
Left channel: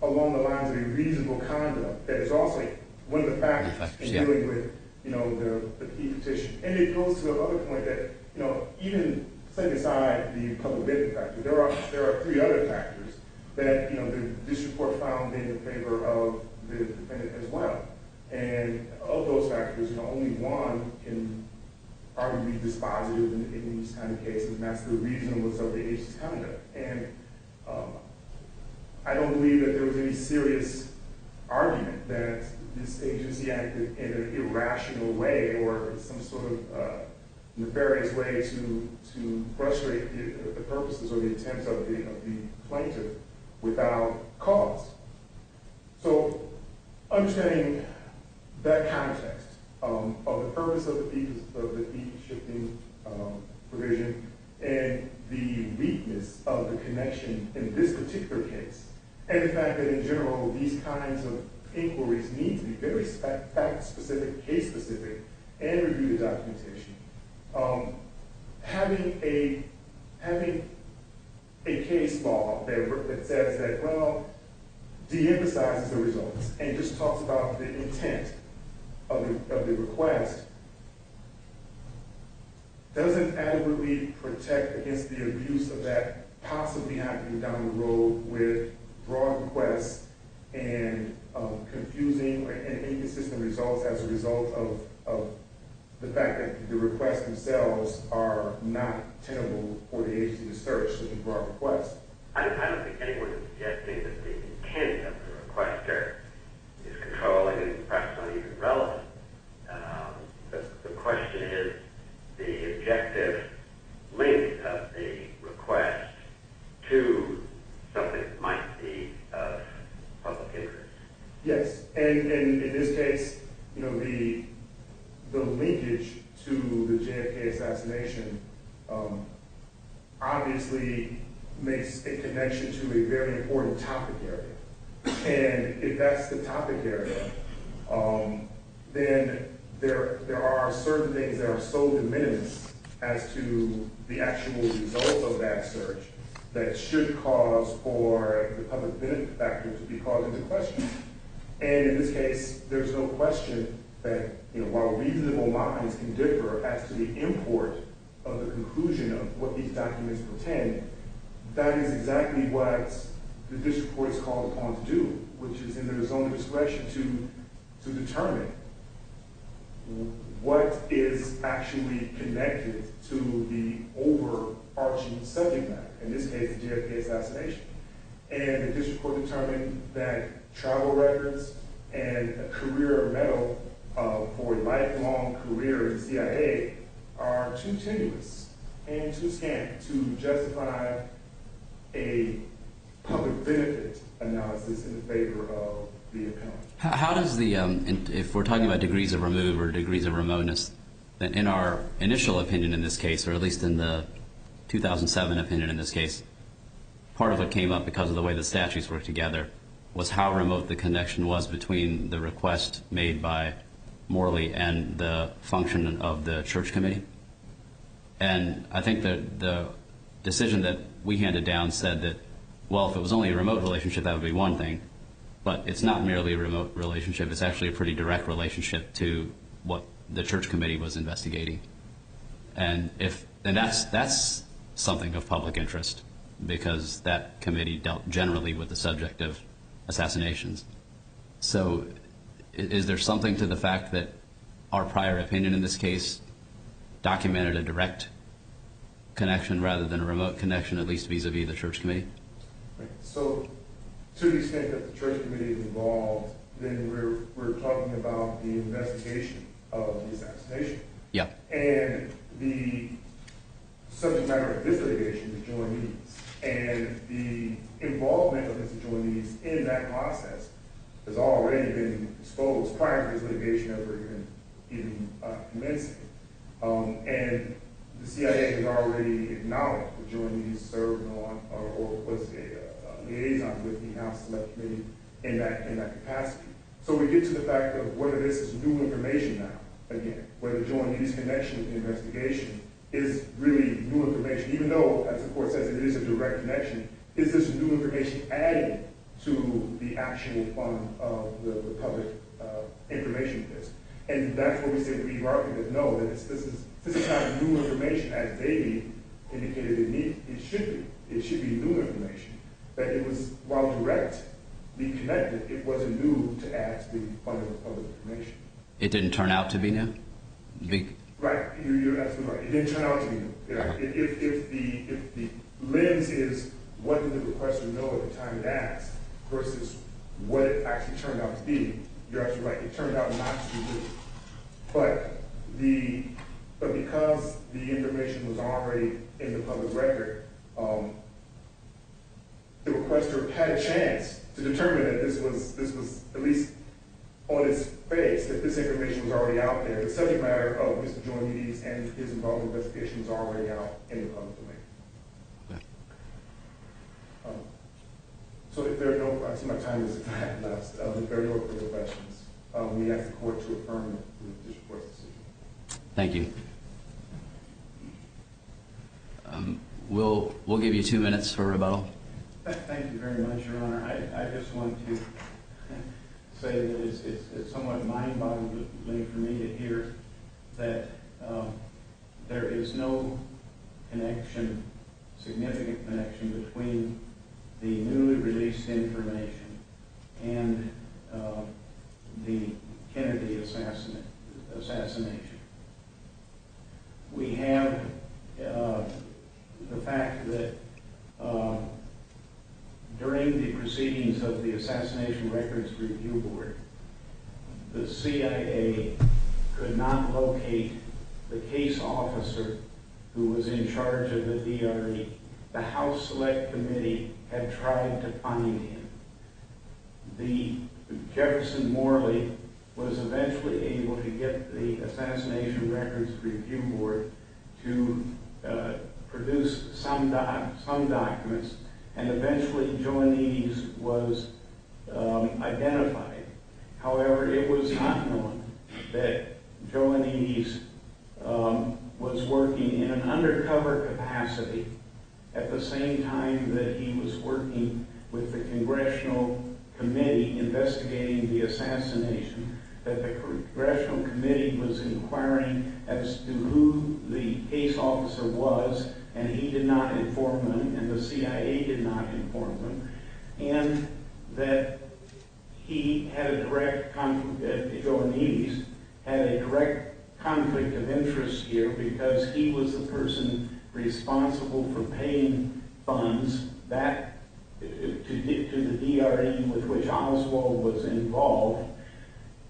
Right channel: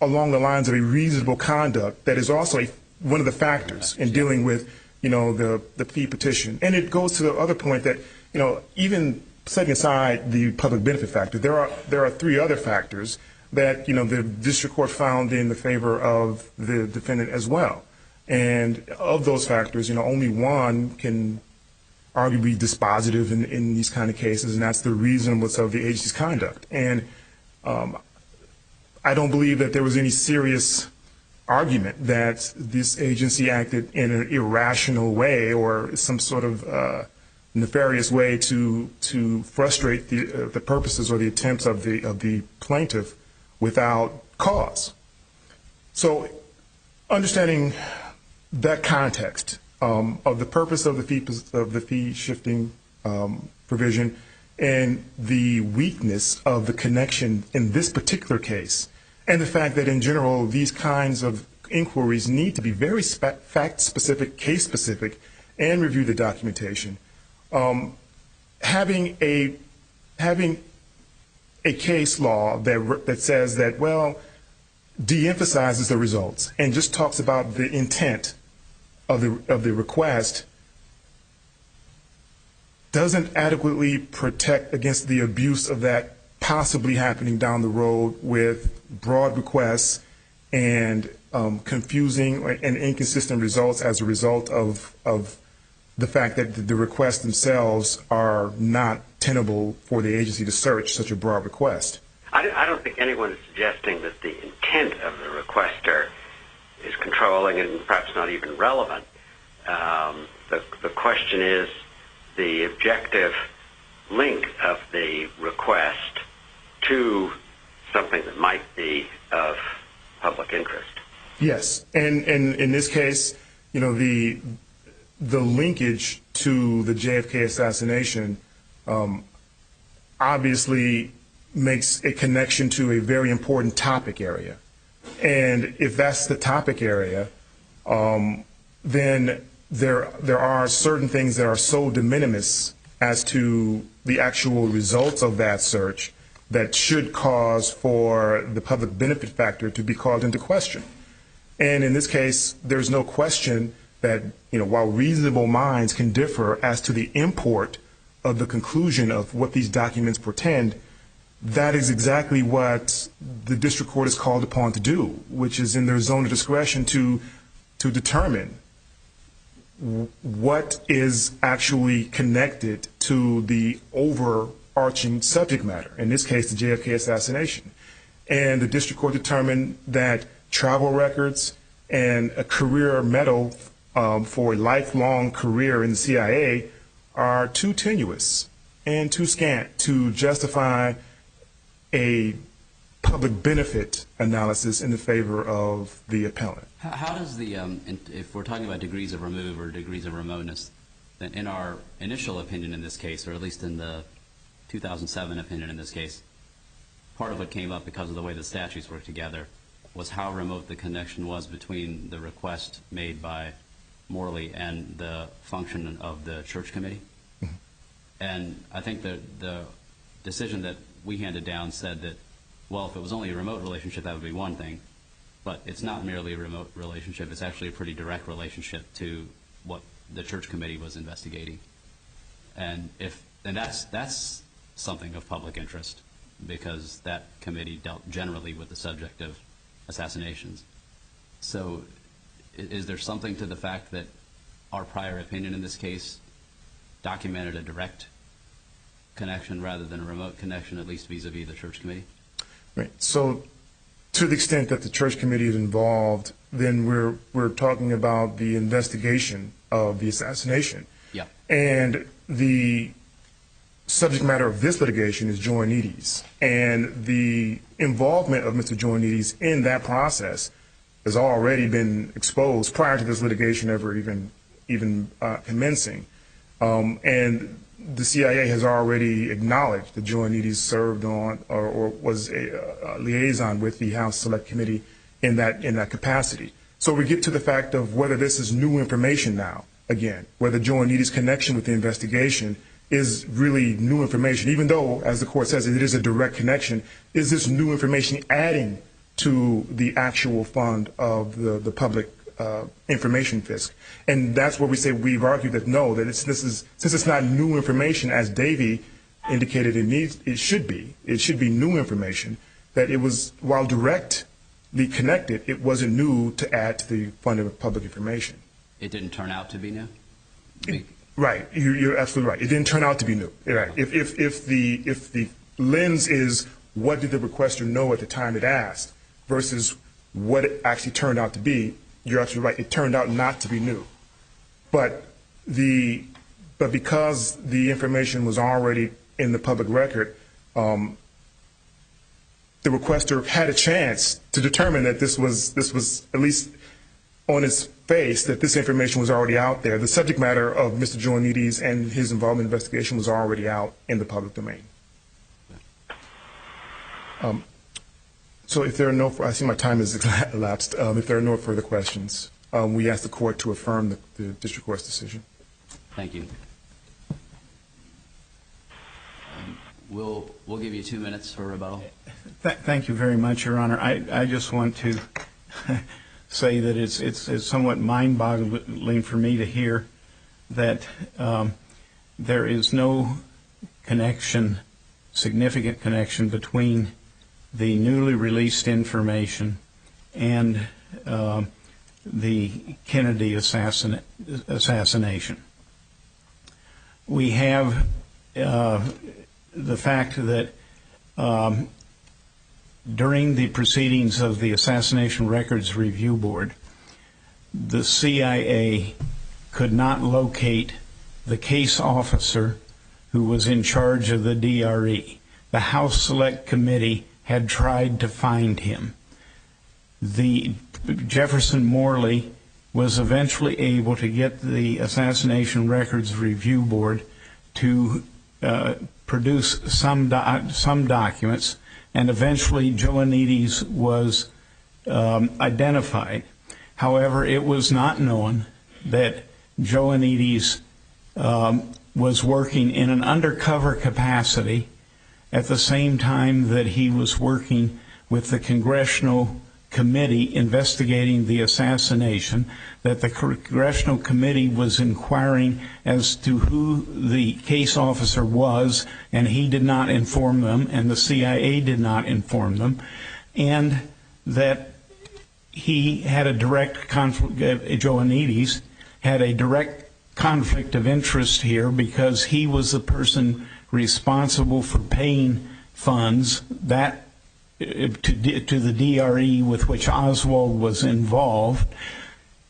the lines of a reasonable conduct that is also one of the factors in dealing with, the fee petition. And it goes to the other point that, even setting aside the public benefit factor, there are three other factors that, the district court found in the favor of the defendant as well. And of those factors, only one can arguably be dispositive in these kind of cases, and that's the reasonableness of the agency's conduct. And I don't believe that there was any serious argument that this agency acted in an irrational way or some sort of nefarious way to frustrate the purposes or the attempts of the plaintiff without cause. So understanding that context of the purpose of the fee shifting provision and the weakness of the connection in this particular case, and the fact that in general these kinds of inquiries need to be very fact-specific, case-specific, and review the documentation. Having a case law that says that, well, de-emphasizes the results and just talks about the intent of the request doesn't adequately protect against the abuse of that possibly happening down the road with broad requests and confusing and inconsistent results as a result of the fact that the requests themselves are not tenable for the agency to search such a broad request. I don't think anyone is suggesting that the intent of the requester is controlling and perhaps not even relevant. The question is the objective link of the request to something that might be of public interest. Yes, and in this case, the linkage to the JFK assassination obviously makes a connection to a very important topic area. And if that's the topic area, then there are certain things that are so de minimis as to the actual results of that search that should cause for the public benefit factor to be called into question. And in this case, there's no question that, while reasonable minds can differ as to the import of the conclusion of what these documents portend, that is exactly what the district court is called upon to do, which is in their zone of discretion to determine what is actually connected to the overarching subject matter, in this case, the JFK assassination. And the district court determined that travel records and a career medal for a lifelong career in the CIA are too tenuous and too scant to justify a public benefit analysis in the favor of the appellant. How does if we're talking about degrees of remove or degrees of remoteness, then in our initial opinion in this case, or at least in the 2007 opinion in this case, part of what came up because of the way the statutes work together was how remote the connection was between the request made by Morley and the function of the church committee. And I think that the decision that we handed down said that, well, if it was only a remote relationship, that would be one thing. But it's not merely a remote relationship. It's actually a pretty direct relationship to what the church committee was investigating. And that's something of public interest, because that committee dealt generally with the subject of assassinations. So is there something to the fact that our prior opinion in this case documented a direct connection rather than a remote connection, at least vis-a-vis the church committee? Right. So to the extent that the church committee is involved, then we're talking about the investigation of the assassination. Yeah. And the subject matter of this litigation is Joannides. And the involvement of Mr. Joannides in that process has already been exposed prior to this litigation ever even commencing. And the CIA has already acknowledged that Joannides served on or was a liaison with the House Select Committee in that capacity. So we get to the fact of whether this is new information now, again, whether Joannides' connection with the investigation is really new information, even though, as the court says, it is a direct connection. Is this new information adding to the actual fund of the public information fisc? And that's where we say we've argued that no, that since it's not new information, as Davey indicated it should be. It should be new information, that it was, while directly connected, it wasn't new to add to the fund of public information. It didn't turn out to be new? Right, you're absolutely right. It didn't turn out to be new. Right. If the lens is what did the requester know at the time it asked versus what it actually turned out to be, you're absolutely right. It turned out not to be new. But because the information was already in the public record, the requester had a chance to determine that this was at least on its face, that this information was already out there. The subject matter of Mr. Joannides and his involvement in the investigation was already out in the public domain. So if there are no, I see my time has elapsed. If there are no further questions, we ask the court to affirm the district court's decision. Thank you. We'll give you 2 minutes for rebuttal. Thank you very much, Your Honor. I just want to say that it's somewhat mind-boggling for me to hear that there is no connection, significant connection, between the newly released information and the Kennedy assassination. We have the fact that during the proceedings of the Assassination Records Review Board, the CIA could not locate the case officer who was in charge of the DRE. The House Select Committee had tried to find him. The Jefferson Morley was eventually able to get the Assassination Records Review Board to produce some documents, and eventually Joannides was identified. However, it was not known that Joannides was working in an undercover capacity at the same time that he was working with the Congressional Committee investigating the assassination, that the Congressional Committee was inquiring as to who the case officer was, and he did not inform them, and the CIA did not inform them, and that he had a direct conflict, Joannides had a direct conflict of interest here because he was the person responsible for paying funds that to the DRE with which Oswald was involved.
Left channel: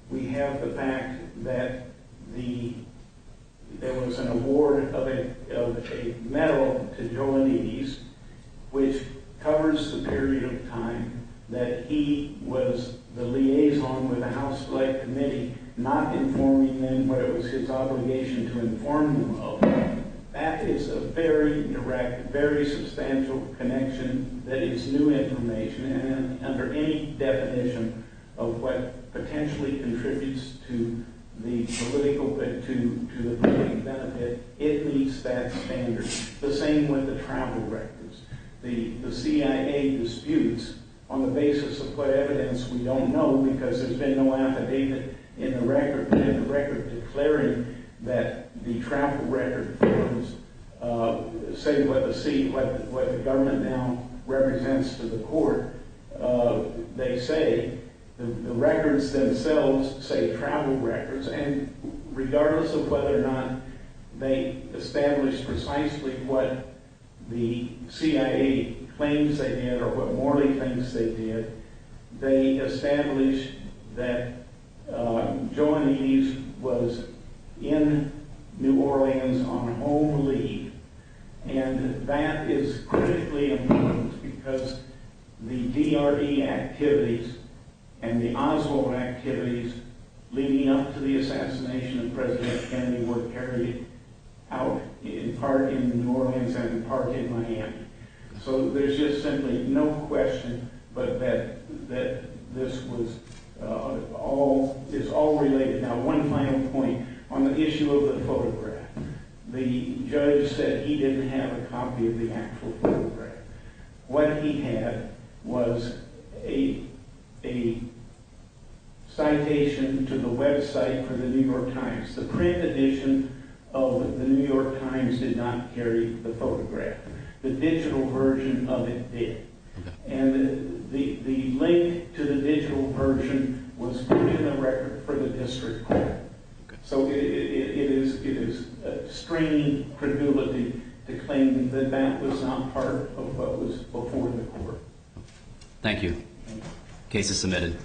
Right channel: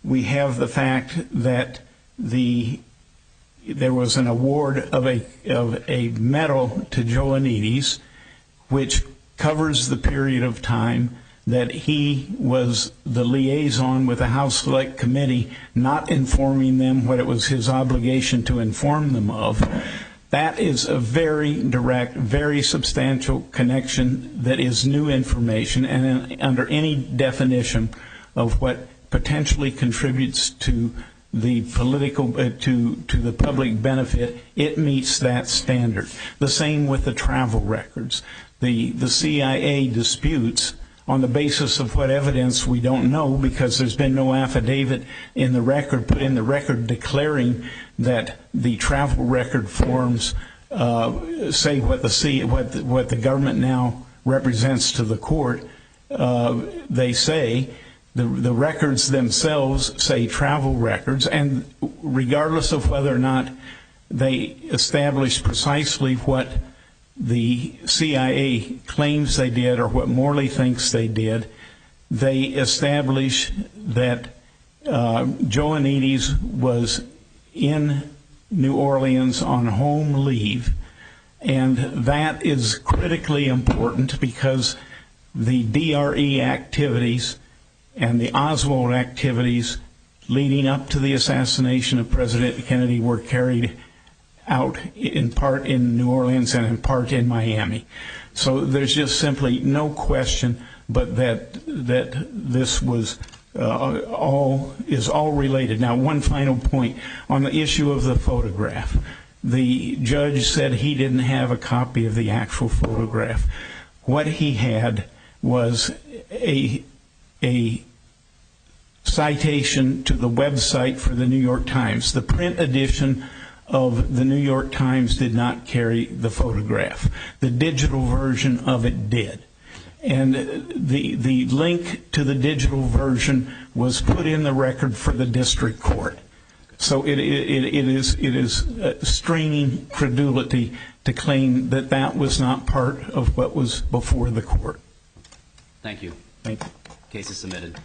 We have the fact that there was an award of a medal to Joannides, which covers the period of time that he was the liaison with the House Select Committee, not informing them what it was his obligation to inform them of. That is a very direct, very substantial connection that is new information, and under any definition of what potentially contributes to the political, to the public benefit, it meets that standard. The same with the travel records. The CIA disputes on the basis of what evidence we don't know, because there's been no affidavit in the record, put in the record declaring that the travel record forms say what the government now represents to the court. They say the records themselves say travel records, and regardless of whether or not they establish precisely what the CIA claims they did or what Morley thinks they did, they establish that Joannides was in New Orleans on home leave, and that is critically important because the DRE activities and the Oswald activities leading up to the assassination of President Kennedy were carried out in part in New Orleans and in part in Miami. So there's just simply no question but that this was all related. Now, one final point on the issue of the photograph. The judge said he didn't have a copy of the actual photograph. What he had was a citation to the website for the New York Times. The print edition of the New York Times did not carry the photograph. The digital version of it did. And the link to the digital version was put in the record for the district court. So it is straining credulity to claim that that was not part of what was before the court. Thank you. Thank you. Case is submitted.